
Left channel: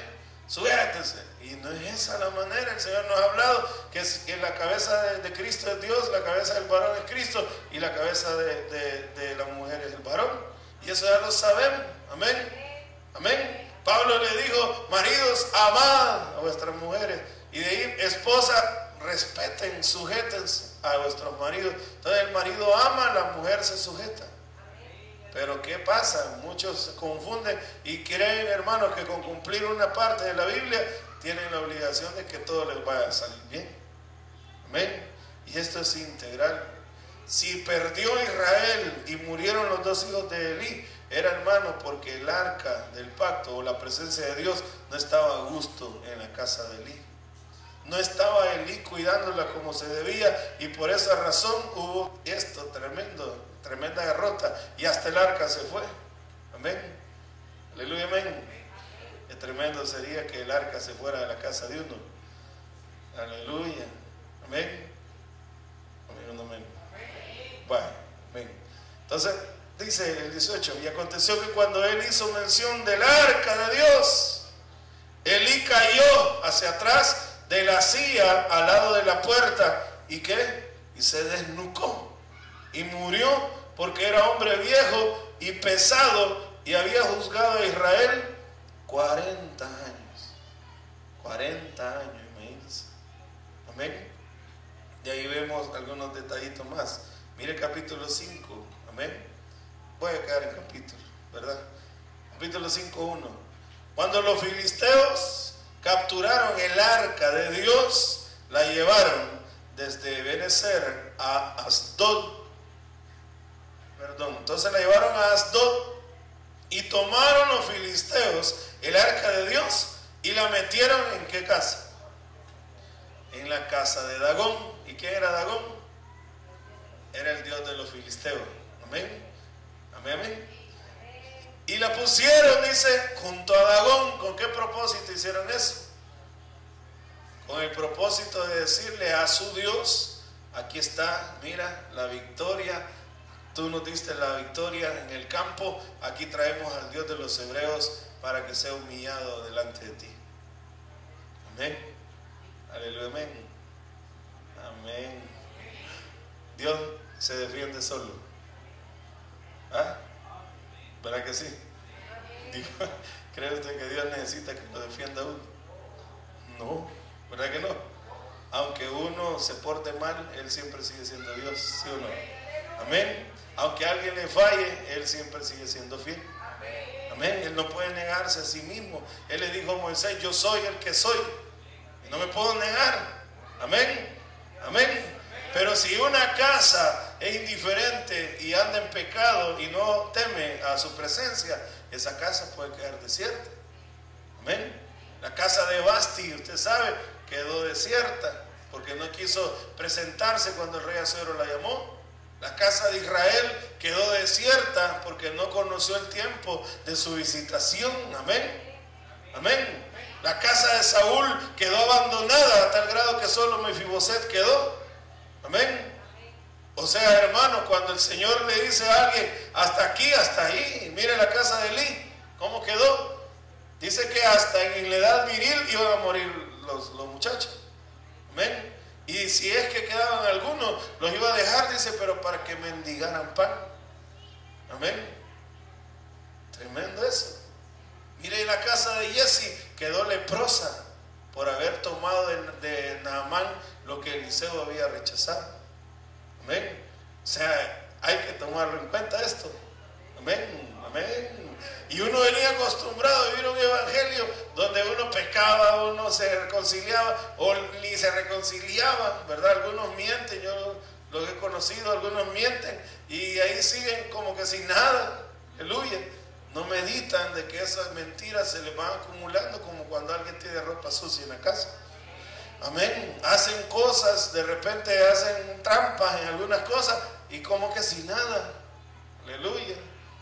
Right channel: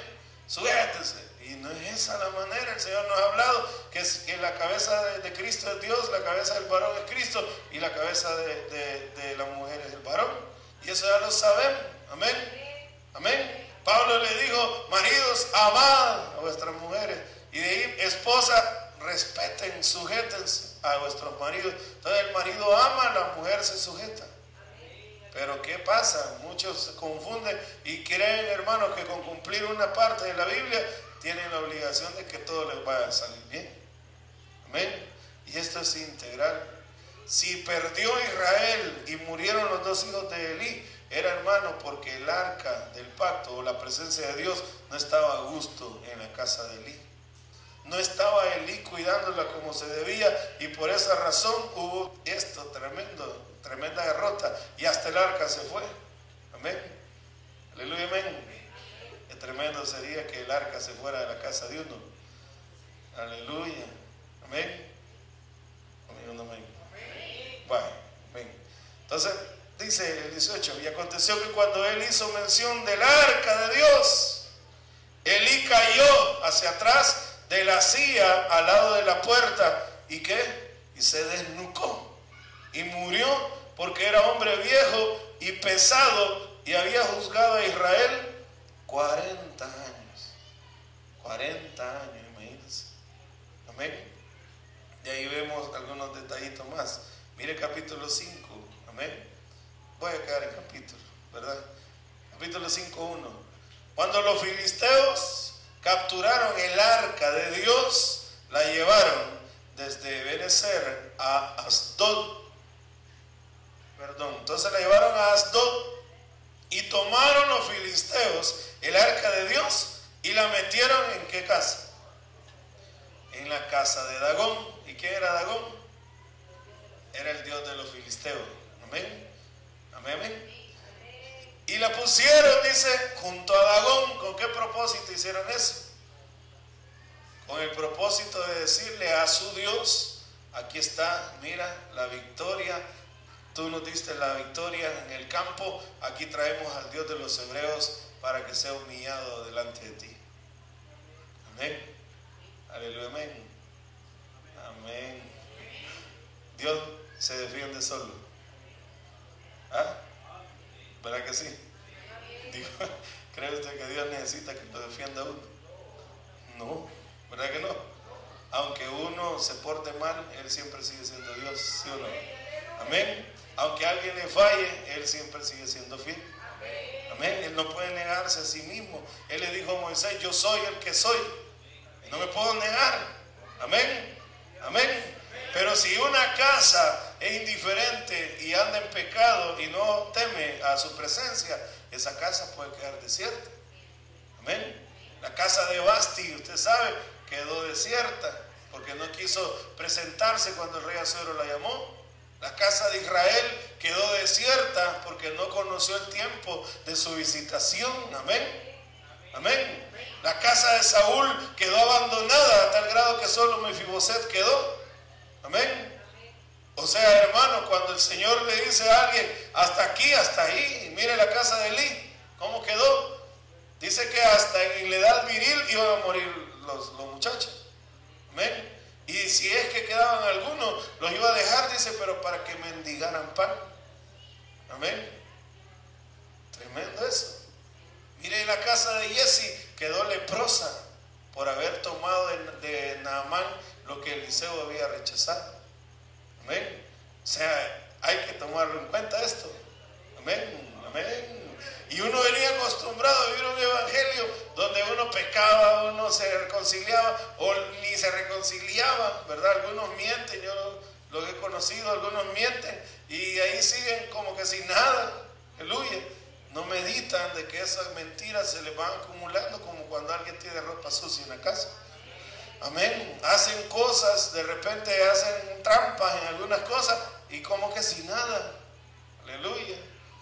Sujétese. Y no es esa la manera. El Señor nos ha hablado que la cabeza de Cristo es Dios, la cabeza del varón es Cristo y la cabeza de la mujer es el varón. Y eso ya lo sabemos. Amén. Amén. Pablo le dijo, maridos, amad a vuestras mujeres. Y de ahí, esposa, respeten, sujétense a vuestros maridos. Entonces el marido ama, la mujer se sujeta. Pero ¿qué pasa? Muchos se confunden y creen, hermanos, que con cumplir una parte de la Biblia tienen la obligación de que todo les vaya a salir bien. Amén. Y esto es integral. Si perdió Israel y murieron los dos hijos de Elí, era, hermano, porque el arca del pacto o la presencia de Dios no estaba a gusto en la casa de Elí. No estaba Elí cuidándola como se debía, y por esa razón hubo esto tremenda derrota, y hasta el arca se fue. Amén. Aleluya, amén. Qué tremendo sería que el arca se fuera de la casa de uno. Aleluya. Amén. Amén, amén. Bueno, amén. Entonces dice el 18, y aconteció que cuando él hizo mención del arca de Dios, Elí cayó hacia atrás de la silla al lado de la puerta. ¿Y qué? Y se desnucó. Y murió porque era hombre viejo y pesado y había juzgado a Israel 40 años. 40 años, imagínense. Amén. Y ahí vemos algunos detallitos más. Mire capítulo 5. Amén. Voy a quedar en capítulo, ¿verdad? Capítulo 5:1. Cuando los filisteos capturaron el arca de Dios, la llevaron desde Benecer a Asdod. Entonces la llevaron a Asdod y tomaron los filisteos el arca de Dios y la metieron ¿en qué casa? En la casa de Dagón. ¿Y quién era Dagón? Era el dios de los filisteos. Amén. Amén, amén. Y la pusieron, dice, junto a Dagón. ¿Con qué propósito hicieron eso? Con el propósito de decirle a su Dios: aquí está, mira, la victoria. Tú nos diste la victoria en el campo. Aquí traemos al Dios de los hebreos para que sea humillado delante de ti. Amén. Aleluya, amén. Amén. Dios se defiende solo. ¿Ah? ¿Verdad que sí? ¿Cree usted que Dios necesita que lo defienda uno? No, ¿verdad que no? Aunque uno se porte mal, Él siempre sigue siendo Dios, ¿sí o no? Amén. Aunque alguien le falle, Él siempre sigue siendo fiel. Amén. Él no puede negarse a sí mismo. Él le dijo a Moisés: yo soy el que soy. Y no me puedo negar. Amén. Amén. Pero si una casa es indiferente y anda en pecado y no teme a su presencia, esa casa puede quedar desierta. Amén. La casa de Basti, usted sabe, quedó desierta porque no quiso presentarse cuando el rey Asuero la llamó. La casa de Israel quedó desierta porque no conoció el tiempo de su visitación. Amén. Amén. La casa de Saúl quedó abandonada a tal grado que solo Mefiboset quedó. Amén. O sea, hermano, cuando el Señor le dice a alguien: hasta aquí, hasta ahí, mire la casa de Elí, ¿cómo quedó? Dice que hasta en la edad viril iban a morir los muchachos. Amén. Y si es que quedaban algunos, los iba a dejar, dice, pero para que mendigaran pan. Amén. Tremendo eso. Mire, en la casa de Jesse quedó leprosa por haber tomado de Naamán lo que Eliseo había rechazado. Amén. O sea, hay que tomarlo en cuenta esto. Amén. Amén. Y uno venía acostumbrado a vivir un evangelio donde uno pecaba, uno se reconciliaba o ni se reconciliaba, ¿verdad? Algunos mienten, yo los he conocido, algunos mienten y ahí siguen como que sin nada. Aleluya. No meditan de que esas mentiras se les van acumulando, como cuando alguien tiene ropa sucia en la casa. Amén. Hacen cosas, de repente hacen trampas en algunas cosas y como que sin nada. Aleluya.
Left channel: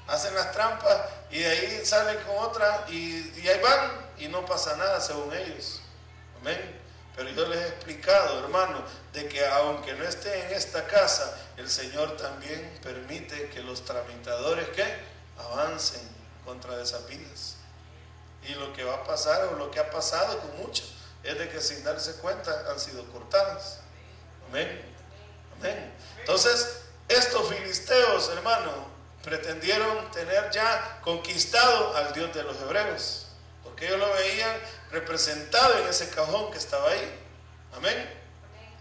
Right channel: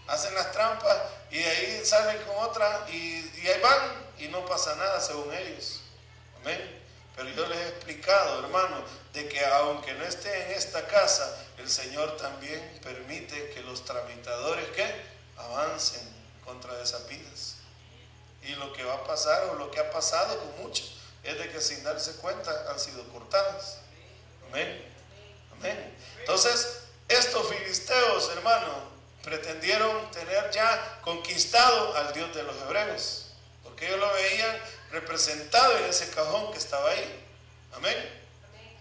Hacen las trampas y de ahí salen con otra y ahí van y no pasa nada según ellos. Amén. Pero yo les he explicado, hermano, de que aunque no esté en esta casa, el Señor también permite que los tramitadores avancen contra esas vidas. Y lo que va a pasar, o lo que ha pasado con muchos, es de que sin darse cuenta han sido cortadas. Amén. Amén. Entonces, estos filisteos, hermano, pretendieron tener ya conquistado al Dios de los hebreos, porque ellos lo veían representado en ese cajón que estaba ahí. Amén.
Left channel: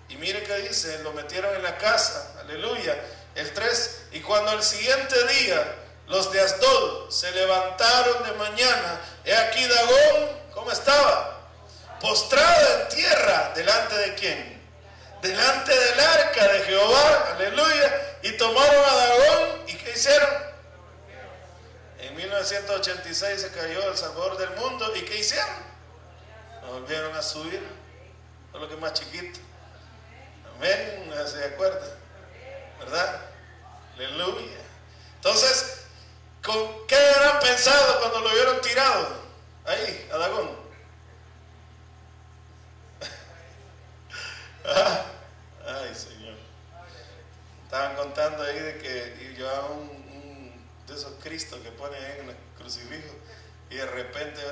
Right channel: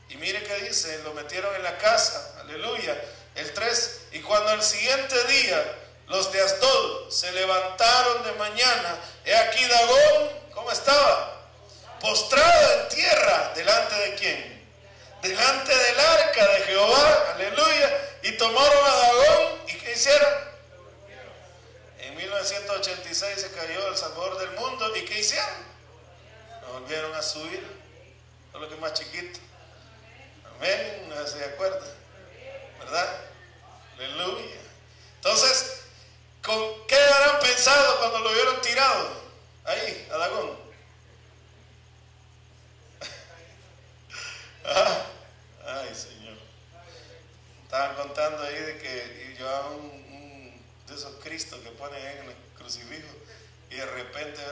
Y mire que dice: lo metieron en la casa. Aleluya. El 3. Y cuando al siguiente día los de Asdod se levantaron de mañana, he aquí Dagón, ¿cómo estaba? Postrado en tierra. ¿Delante de quién? Delante del arca de Jehová. Aleluya. Y tomaron a Dagón. ¿Y qué hicieron? En 1986 se cayó el Salvador del mundo. ¿Y qué hicieron? Lo volvieron a subir. Con lo que es más chiquito. Amén. No se acuerdan, ¿verdad? Aleluya. Entonces, ¿con qué habrán pensado cuando lo vieron tirado ahí, a Dagón? Ay, Señor. Estaban contando ahí de que llevaban un de esos Cristos que ponen en el crucifijo y de repente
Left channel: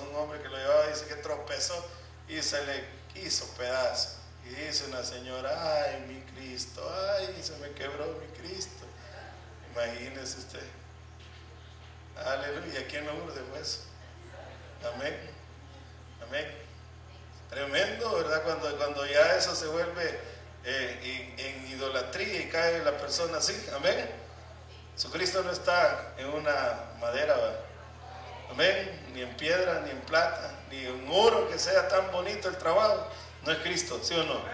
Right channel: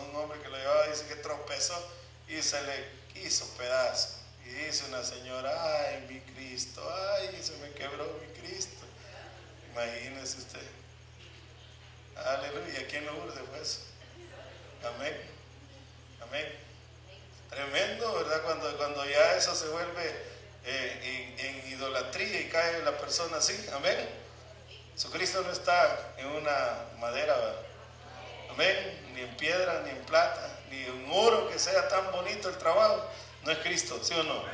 un hombre que lo llevaba dice: tropezó y se le hizo pedazo. Y dice una señora, ay, mi Cristo, ay, se me quebró mi Cristo. Imagínese usted. Aleluya, ¿quién lo urde pues? Amén, amén. Tremendo, ¿verdad? Cuando ya eso se vuelve en idolatría y cae la persona así, amén. Jesucristo no está en una madera, ¿verdad? Amén, ni en piedra, ni en plata, ni en oro que sea tan bonito el trabajo. No es Cristo, ¿sí o no?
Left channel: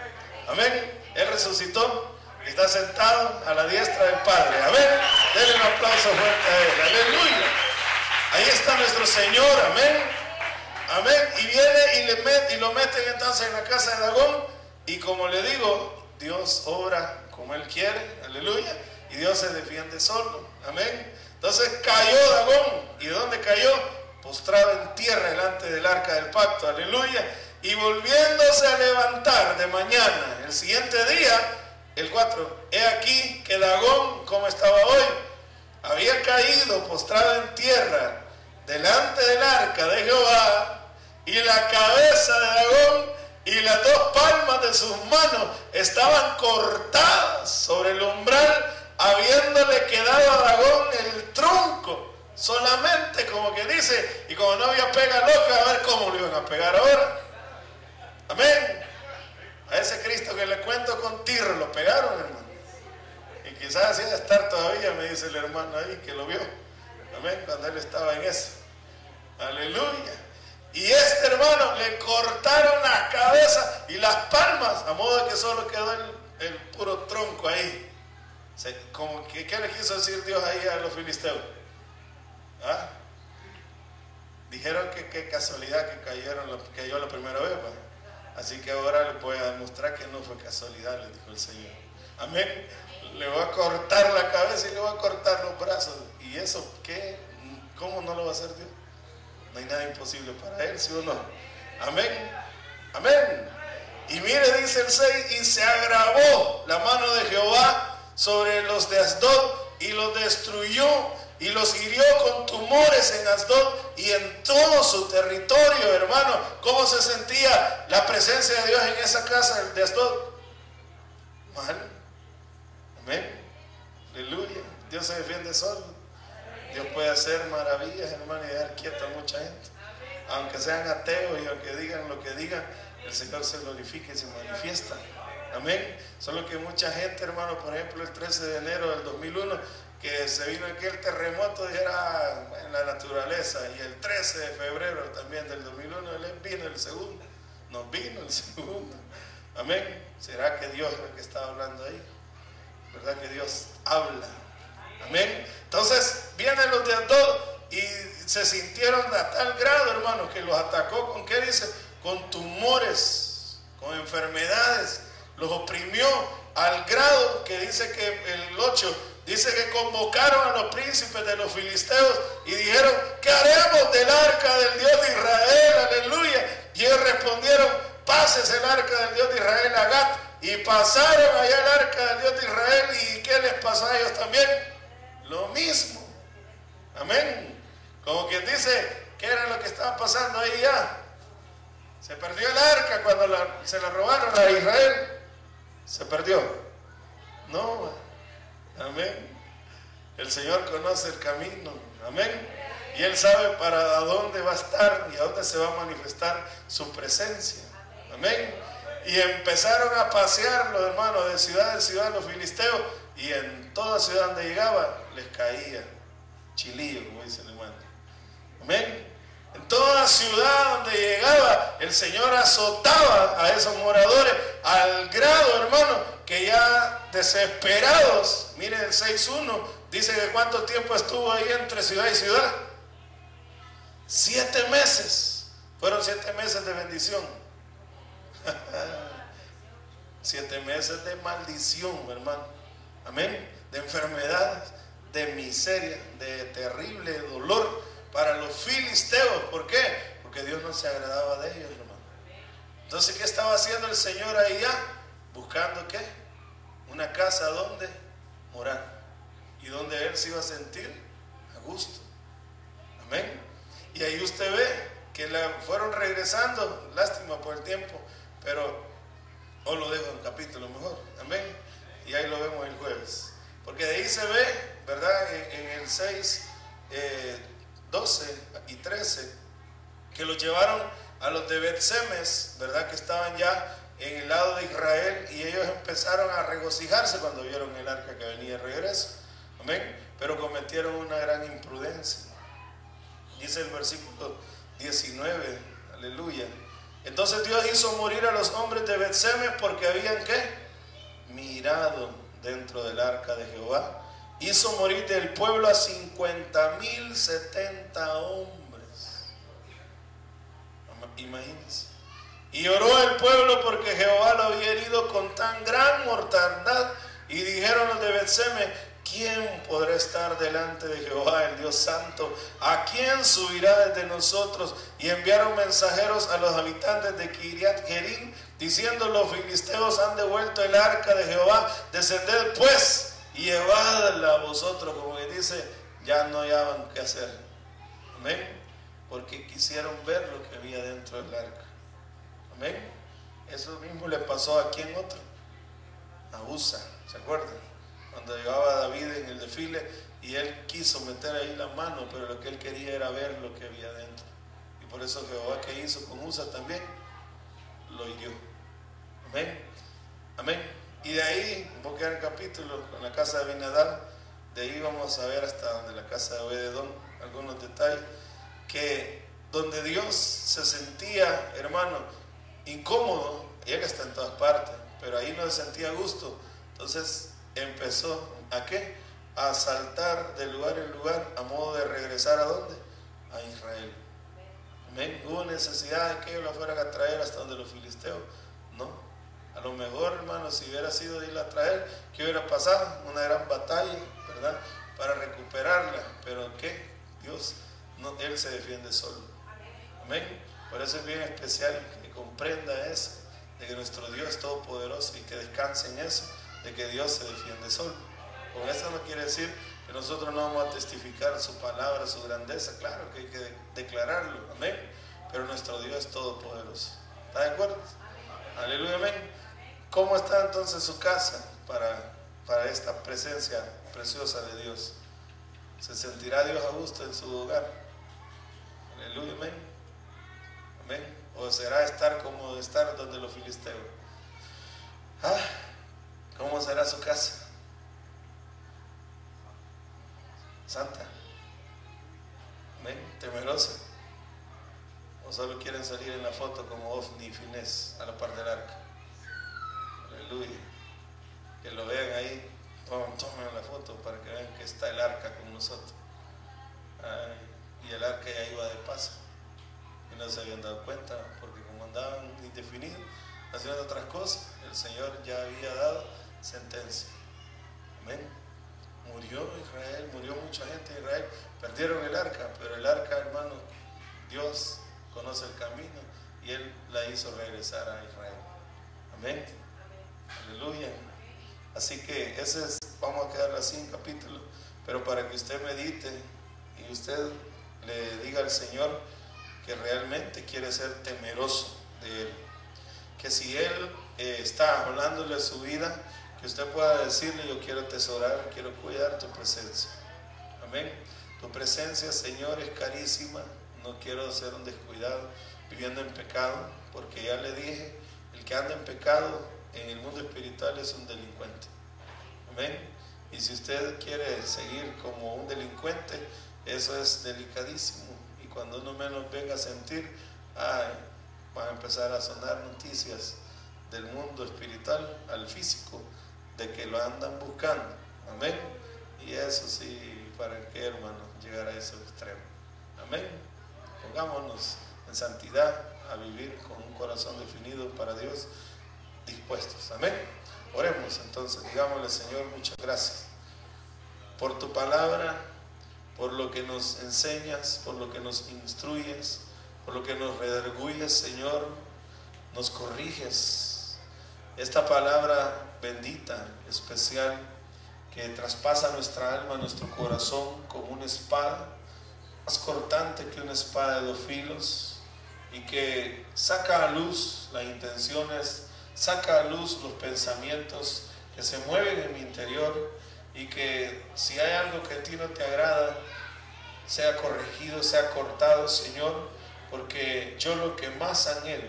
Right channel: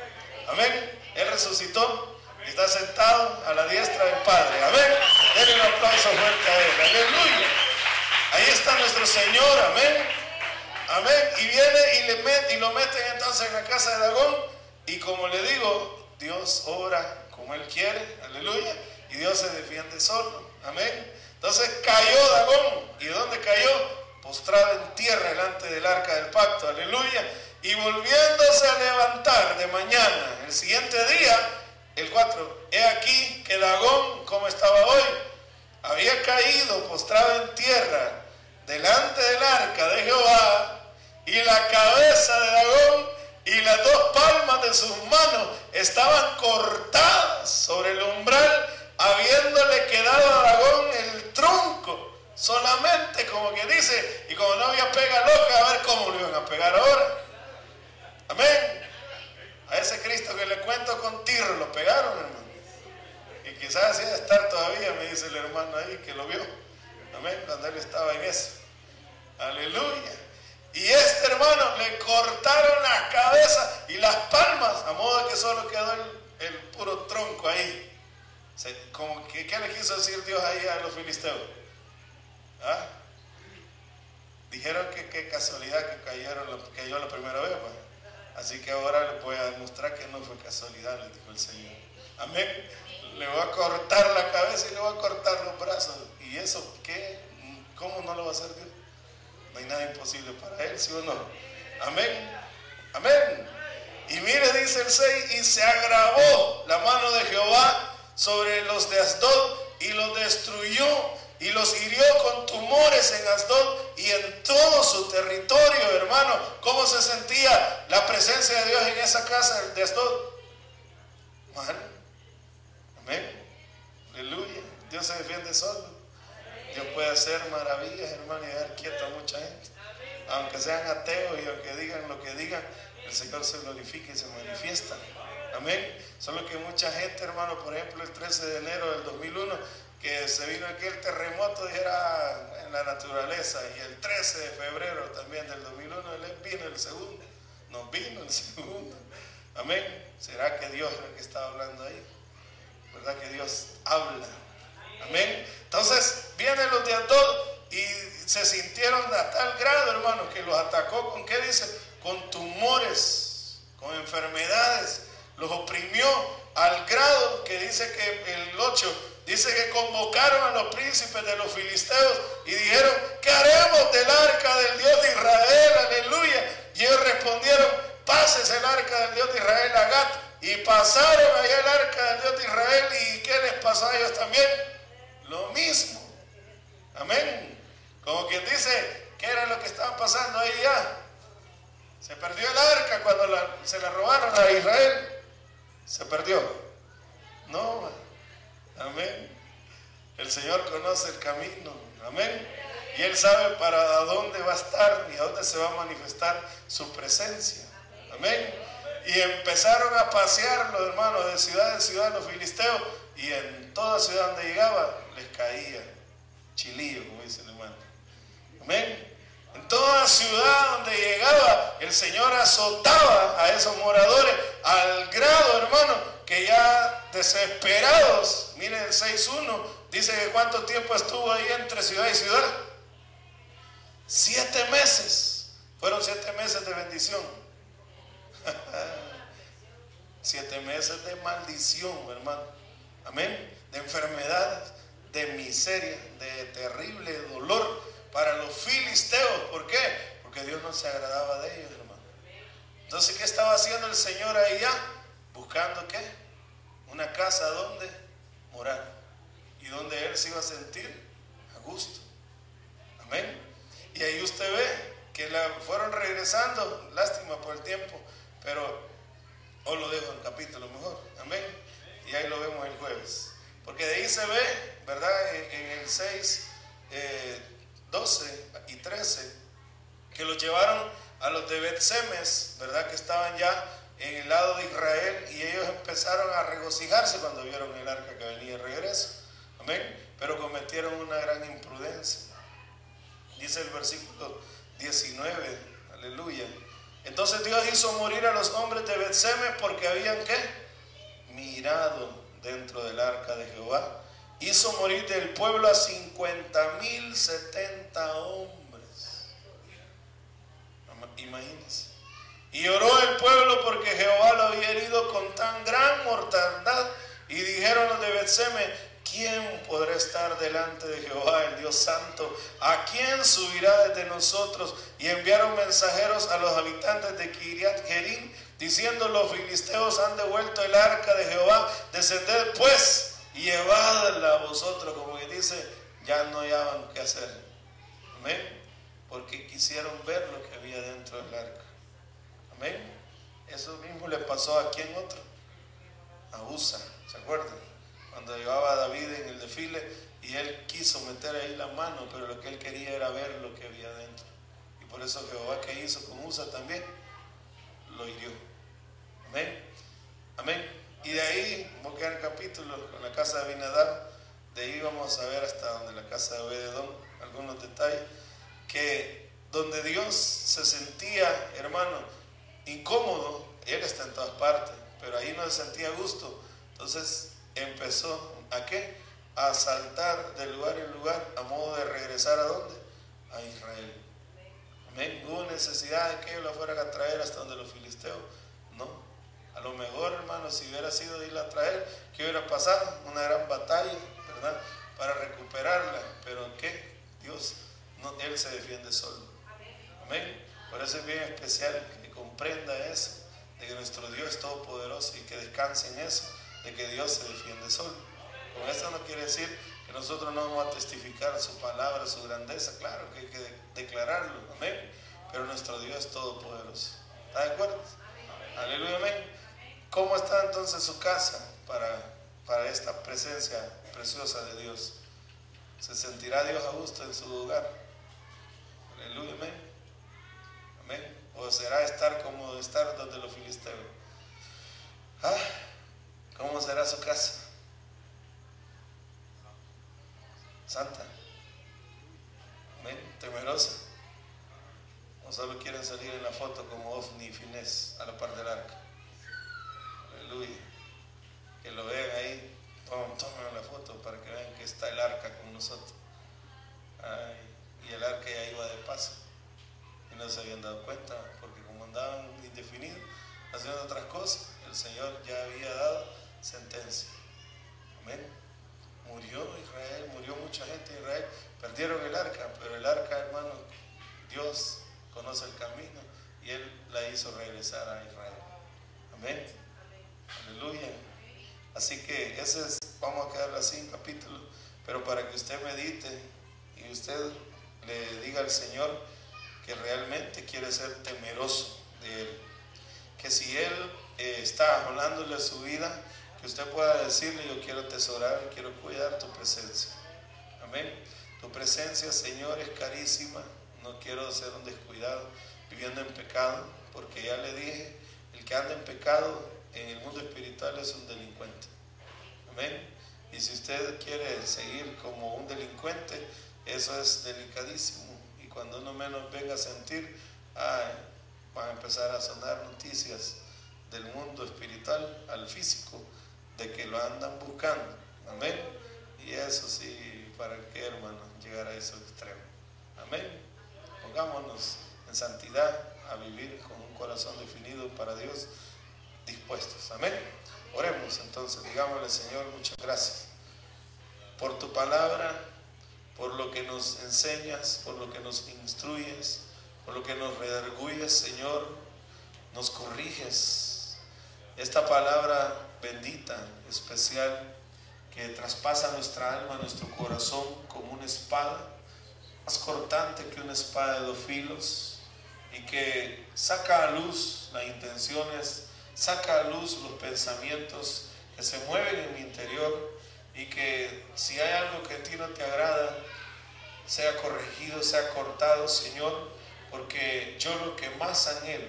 Amén. Él resucitó y está sentado a la diestra del Padre. Amén. Denle un aplauso fuerte a Él. Aleluya. Ahí está nuestro Señor. Amén. Amén. Y viene y lo meten entonces en la casa de Dagón. Y como le digo, Dios obra como Él quiere. Aleluya. Y Dios se defiende solo. Amén. Entonces cayó Dagón. ¿Y dónde cayó? Postrado en tierra delante del arca del pacto. Aleluya. Y volviéndose a levantar de mañana, el siguiente día, el 4, he aquí que Dagón, como estaba hoy, había caído postrado en tierra delante del arca de Jehová, y la cabeza de Dagón y las 2 palmas de sus manos estaban cortadas sobre el umbral, habiéndole quedado a Dagón el tronco solamente, como que dice, y como no había pega loca, a ver cómo lo iban a pegar ahora. Amén. A ese Cristo que le cuento con tirro lo pegaron, hermano. Y quizás así de estar todavía, me dice el hermano ahí que lo vio. Amén. Cuando él estaba en eso. Aleluya. Y este hermano le cortaron la cabeza y las palmas, a modo de que solo quedó el puro tronco ahí. Como que, ¿qué le quiso decir Dios ahí a los filisteos? ¿Ah? Dijeron que qué casualidad que cayó la primera vez, pues. Así que ahora les voy a demostrar que no fue casualidad, les dijo el Señor. Amén. Le voy a cortar la cabeza y le voy a cortar los brazos. ¿Y eso qué? ¿Cómo no lo va a hacer Dios? No hay nada imposible para Él, ¿sí o no? Amén. Amén. Y mire, dice el 6, y se agravó la mano de Jehová sobre los de Asdod y los destruyó y los hirió con tumores en Asdod y en todo su territorio, hermano. ¿Cómo se sentía la presencia de Dios en esa casa de Asdod? Mal. Amén. Aleluya. Dios se defiende solo. Dios puede hacer maravillas, hermano, y dejar quieta a mucha gente. Aunque sean ateos y aunque digan lo que digan, el Señor se glorifica y se manifiesta. Amén. Solo que mucha gente, hermano, por ejemplo, el 13 de enero del 2001, que se vino aquel terremoto, dijera, en la naturaleza, y el 13 de febrero también del 2001, Él vino el segundo, nos vino el segundo. Amén. ¿Será que Dios es el que estaba hablando ahí? ¿Verdad que Dios habla? Amén. Entonces, vienen los de Asdod y se sintieron a tal grado, hermano, que los atacó, ¿con qué dice? Con tumores, con enfermedades, los oprimió al grado que dice que el 8, dice que convocaron a los príncipes de los filisteos y dijeron, ¿qué haremos del arca del Dios de Israel? Aleluya. Y ellos respondieron, pases el arca del Dios de Israel a Gat. Y pasaron allá el arca del Dios de Israel. ¿Y qué les pasó a ellos también? Lo mismo. Amén. Como quien dice, ¿qué era lo que estaba pasando ahí ya? Se perdió el arca cuando se la robaron a Israel. Se perdió. No. Amén. El Señor conoce el camino. Amén. Y Él sabe para dónde va a estar y a dónde se va a manifestar su presencia. Amén. Y empezaron a pasear los hermanos de ciudad en ciudad los filisteos, y en toda ciudad donde llegaba les caía chilillo, como dice el hermano. Amén. En toda ciudad donde llegaba, el Señor azotaba a esos moradores al grado, hermano, que ya desesperados, miren el 6.1, dice que cuánto tiempo estuvo ahí entre ciudad y ciudad. 7 meses. Fueron 7 meses de bendición. 7 meses de maldición, hermano. Amén. De enfermedades, de miseria, de terrible dolor para los filisteos. ¿Por qué? Porque Dios no se agradaba de ellos, hermano. Entonces, ¿qué estaba haciendo el Señor ahí ya? Buscando ¿qué? Una casa donde morar y donde Él se iba a sentir a gusto. Amén. Y ahí usted ve que la fueron regresando, lástima por el tiempo, pero hoy lo dejo en capítulo mejor, amén, y ahí lo vemos el jueves, porque de ahí se ve, ¿verdad? En el 6, 12 y 13, que los llevaron a los de Bet-Semes, ¿verdad? Que estaban ya en el lado de Israel, y ellos empezaron a regocijarse cuando vieron el arca que venía de regreso, amén, pero cometieron una gran imprudencia. Dice el versículo 19, aleluya. Entonces Dios hizo morir a los hombres de Bet-Semes porque habían, ¿qué? Mirado dentro del arca de Jehová. Hizo morir del pueblo a 50,070 hombres. Imagínense. Y oró el pueblo porque Jehová lo había herido con tan gran mortandad. Y dijeron los de Bet-Semes: ¿quién podrá estar delante de Jehová, el Dios Santo? ¿A quién subirá desde nosotros? Y enviaron mensajeros a los habitantes de Kiriat Jearim, diciendo: los filisteos han devuelto el arca de Jehová, descended pues y llevadla a vosotros. Como que dice, ya no hallaban qué hacer. Amén. Porque quisieron ver lo que había dentro del arca. Amén. Eso mismo le pasó a quién otro, a Usa, ¿se acuerdan? Cuando llevaba a David en el desfile y él quiso meter ahí la mano, pero lo que él quería era ver lo que había dentro. Y por eso Jehová, que hizo con Usa también, lo hirió. Amén. Amén. Y de ahí, vamos a quedar el capítulo con la casa de Abinadab. De ahí vamos a ver hasta donde la casa de Obed-Edom, algunos detalles, que donde Dios se sentía, hermano, incómodo. Él está en todas partes, pero ahí no se sentía a gusto. Entonces empezó ¿a qué? A saltar de lugar en lugar, a modo de regresar ¿a dónde? A Israel. Amén. ¿Hubo necesidad de que ellos la fueran a traer hasta donde los filisteos? No. A lo mejor, hermano, si hubiera sido de irla a traer, ¿qué hubiera pasado? Una gran batalla, ¿verdad? Para recuperarla. Pero ¿qué? Dios, no, Él se defiende solo. Amén. Por eso es bien especial que comprenda eso, de que nuestro Dios es todopoderoso, y que descanse en eso, de que Dios se defiende solo. Con esto no quiere decir que nosotros no vamos a testificar su palabra, su grandeza. Claro que hay que declararlo, amén. Pero nuestro Dios es todopoderoso. ¿Está de acuerdo? Aleluya, amén. ¿Cómo está entonces su casa para esta presencia preciosa de Dios? ¿Se sentirá Dios a gusto en su hogar? Aleluya, amén. Amén. ¿O será estar como estar donde los filisteos? ¿Cómo será su casa? Santa. Amén. Temerosa. ¿O solo quieren salir en la foto como Ofni y Finés a la par del arca? Aleluya. Que lo vean ahí, tomen la foto para que vean que está el arca con nosotros. Y el arca ya iba de paso y no se habían dado cuenta, porque como andaban indefinidos haciendo otras cosas, el Señor ya había dado sentencia. Amén. Murió Israel, murió mucha gente de Israel, perdieron el arca, pero el arca, hermano, Dios conoce el camino y Él la hizo regresar a Israel. Amén. Aleluya. Así que vamos a quedarlo así en capítulo, pero para que usted medite y usted le diga al Señor que realmente quiere ser temeroso de Él, que si Él está hablándole a su vida, que usted pueda decirle: yo quiero atesorar, quiero cuidar tu presencia. Amén. Tu presencia, Señor, es carísima. No quiero ser un descuidado viviendo en pecado, porque ya le dije, el que anda en pecado en el mundo espiritual es un delincuente. Amén. Y si usted quiere seguir como un delincuente, eso es delicadísimo. Y cuando uno menos venga a sentir, van a empezar a sonar noticias del mundo espiritual al físico, de que lo andan buscando. Amén. Y eso sí, ¿para qué, hermano, llegar a ese extremo? Amén. Pongámonos en santidad a vivir con un corazón definido para Dios, dispuestos. Amén. Oremos entonces, digámosle: Señor, muchas gracias por tu palabra, por lo que nos enseñas, por lo que nos instruyes, por lo que nos redarguyes, Señor, nos corriges. Esta palabra bendita, especial, que traspasa nuestra alma, nuestro corazón, como una espada, más cortante que una espada de 2 filos, y que saca a luz las intenciones, saca a luz los pensamientos que se mueven en mi interior, y que si hay algo que a ti no te agrada, sea corregido, sea cortado, Señor, porque yo lo que más anhelo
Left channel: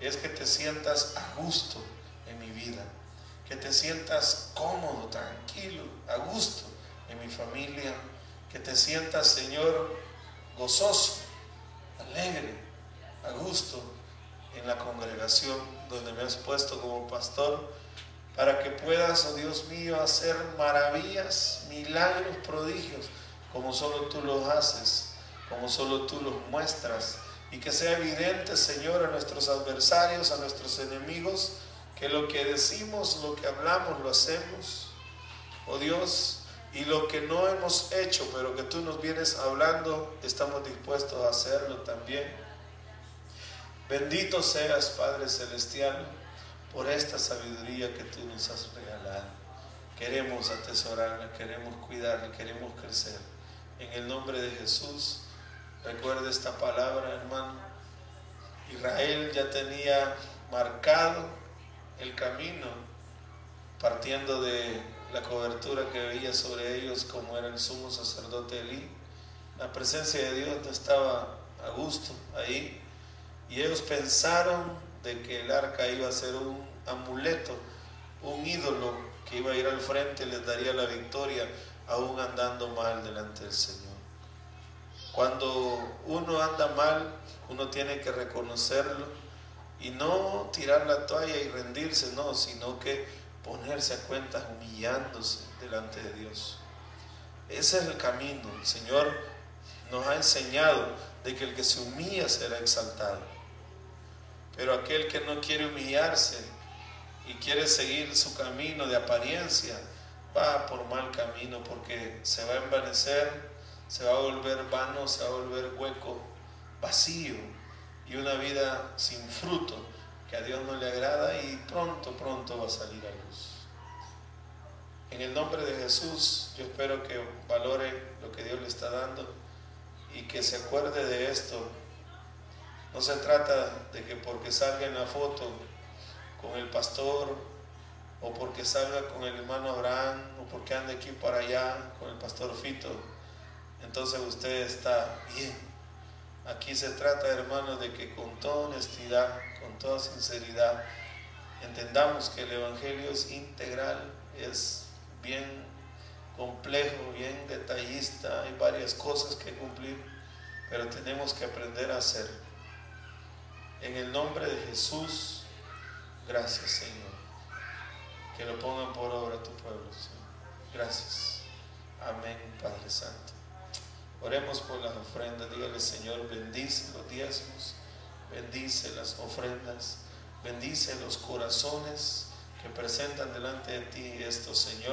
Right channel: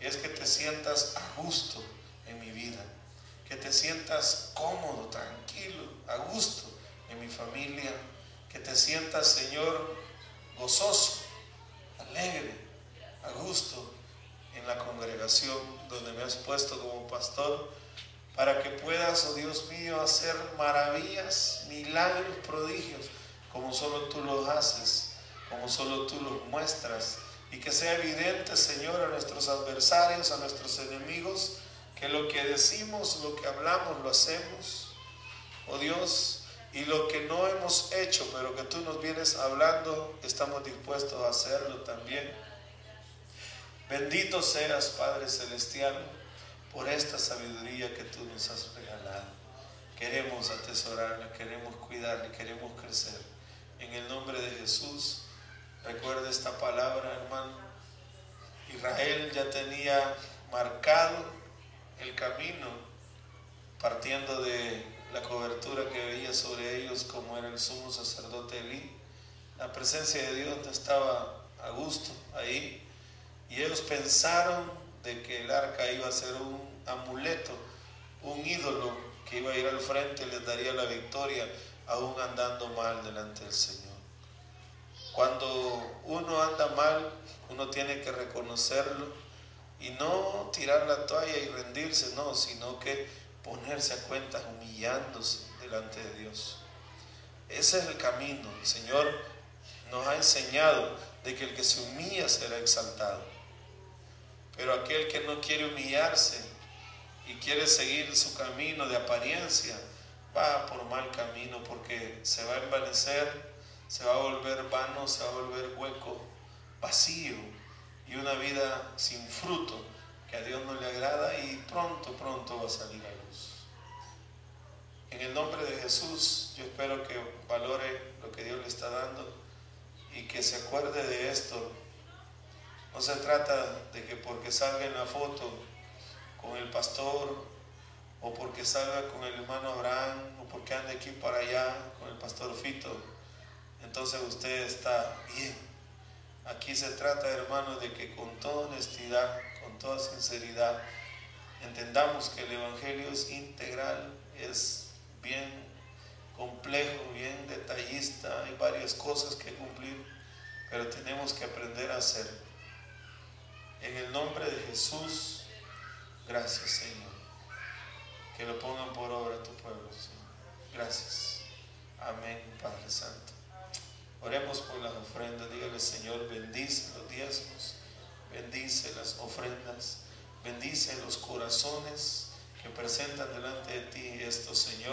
es que te sientas a gusto en mi vida, que te sientas cómodo, tranquilo, a gusto en mi familia, que te sientas, Señor, gozoso, alegre, a gusto en la congregación donde me has puesto como pastor, para que puedas, oh Dios mío, hacer maravillas, milagros, prodigios, como solo tú los haces, como solo tú los muestras, y que sea evidente, Señor, a nuestros adversarios, a nuestros enemigos, que lo que decimos, lo que hablamos, lo hacemos, oh Dios, y lo que no hemos hecho, pero que tú nos vienes hablando, estamos dispuestos a hacerlo también. Bendito seas, Padre Celestial, por esta sabiduría que tú nos has regalado. Queremos atesorarla, queremos cuidarla, queremos crecer. En el nombre de Jesús, recuerda esta palabra, hermano. Israel ya tenía marcado el camino, partiendo de la cobertura que veía sobre ellos, como era el sumo sacerdote Elí. La presencia de Dios no estaba a gusto ahí, y ellos pensaron de que el arca iba a ser un amuleto, un ídolo que iba a ir al frente y les daría la victoria, aún andando mal delante del Señor. Cuando uno anda mal, uno tiene que reconocerlo y no tirar la toalla y rendirse, no, sino que ponerse a cuentas humillándose delante de Dios. Ese es el camino. El Señor nos ha enseñado de que el que se humilla será exaltado, pero aquel que no quiere humillarse y quiere seguir su camino de apariencia, va por mal camino, porque se va a envanecer, se va a volver vano, se va a volver hueco, vacío, y una vida sin fruto que a Dios no le agrada, y pronto va a salir a luz. En el nombre de Jesús, yo espero que valore lo que Dios le está dando y que se acuerde de esto. No se trata de que porque salga en la foto con el pastor, o porque salga con el hermano Abraham, o porque ande aquí para allá con el pastor Fito, entonces usted está bien. Aquí se trata, hermanos, de que con toda honestidad, con toda sinceridad, entendamos que el Evangelio es integral, es bien complejo, bien detallista, hay varias cosas que cumplir, pero tenemos que aprender a hacer. En el nombre de Jesús, gracias, Señor. Que lo pongan por obra tu pueblo, Señor. Gracias. Amén, Padre Santo. Oremos por las ofrendas. Dígale, Señor, bendice los diezmos, bendice las ofrendas, bendice los corazones que presentan delante de ti esto, Señor.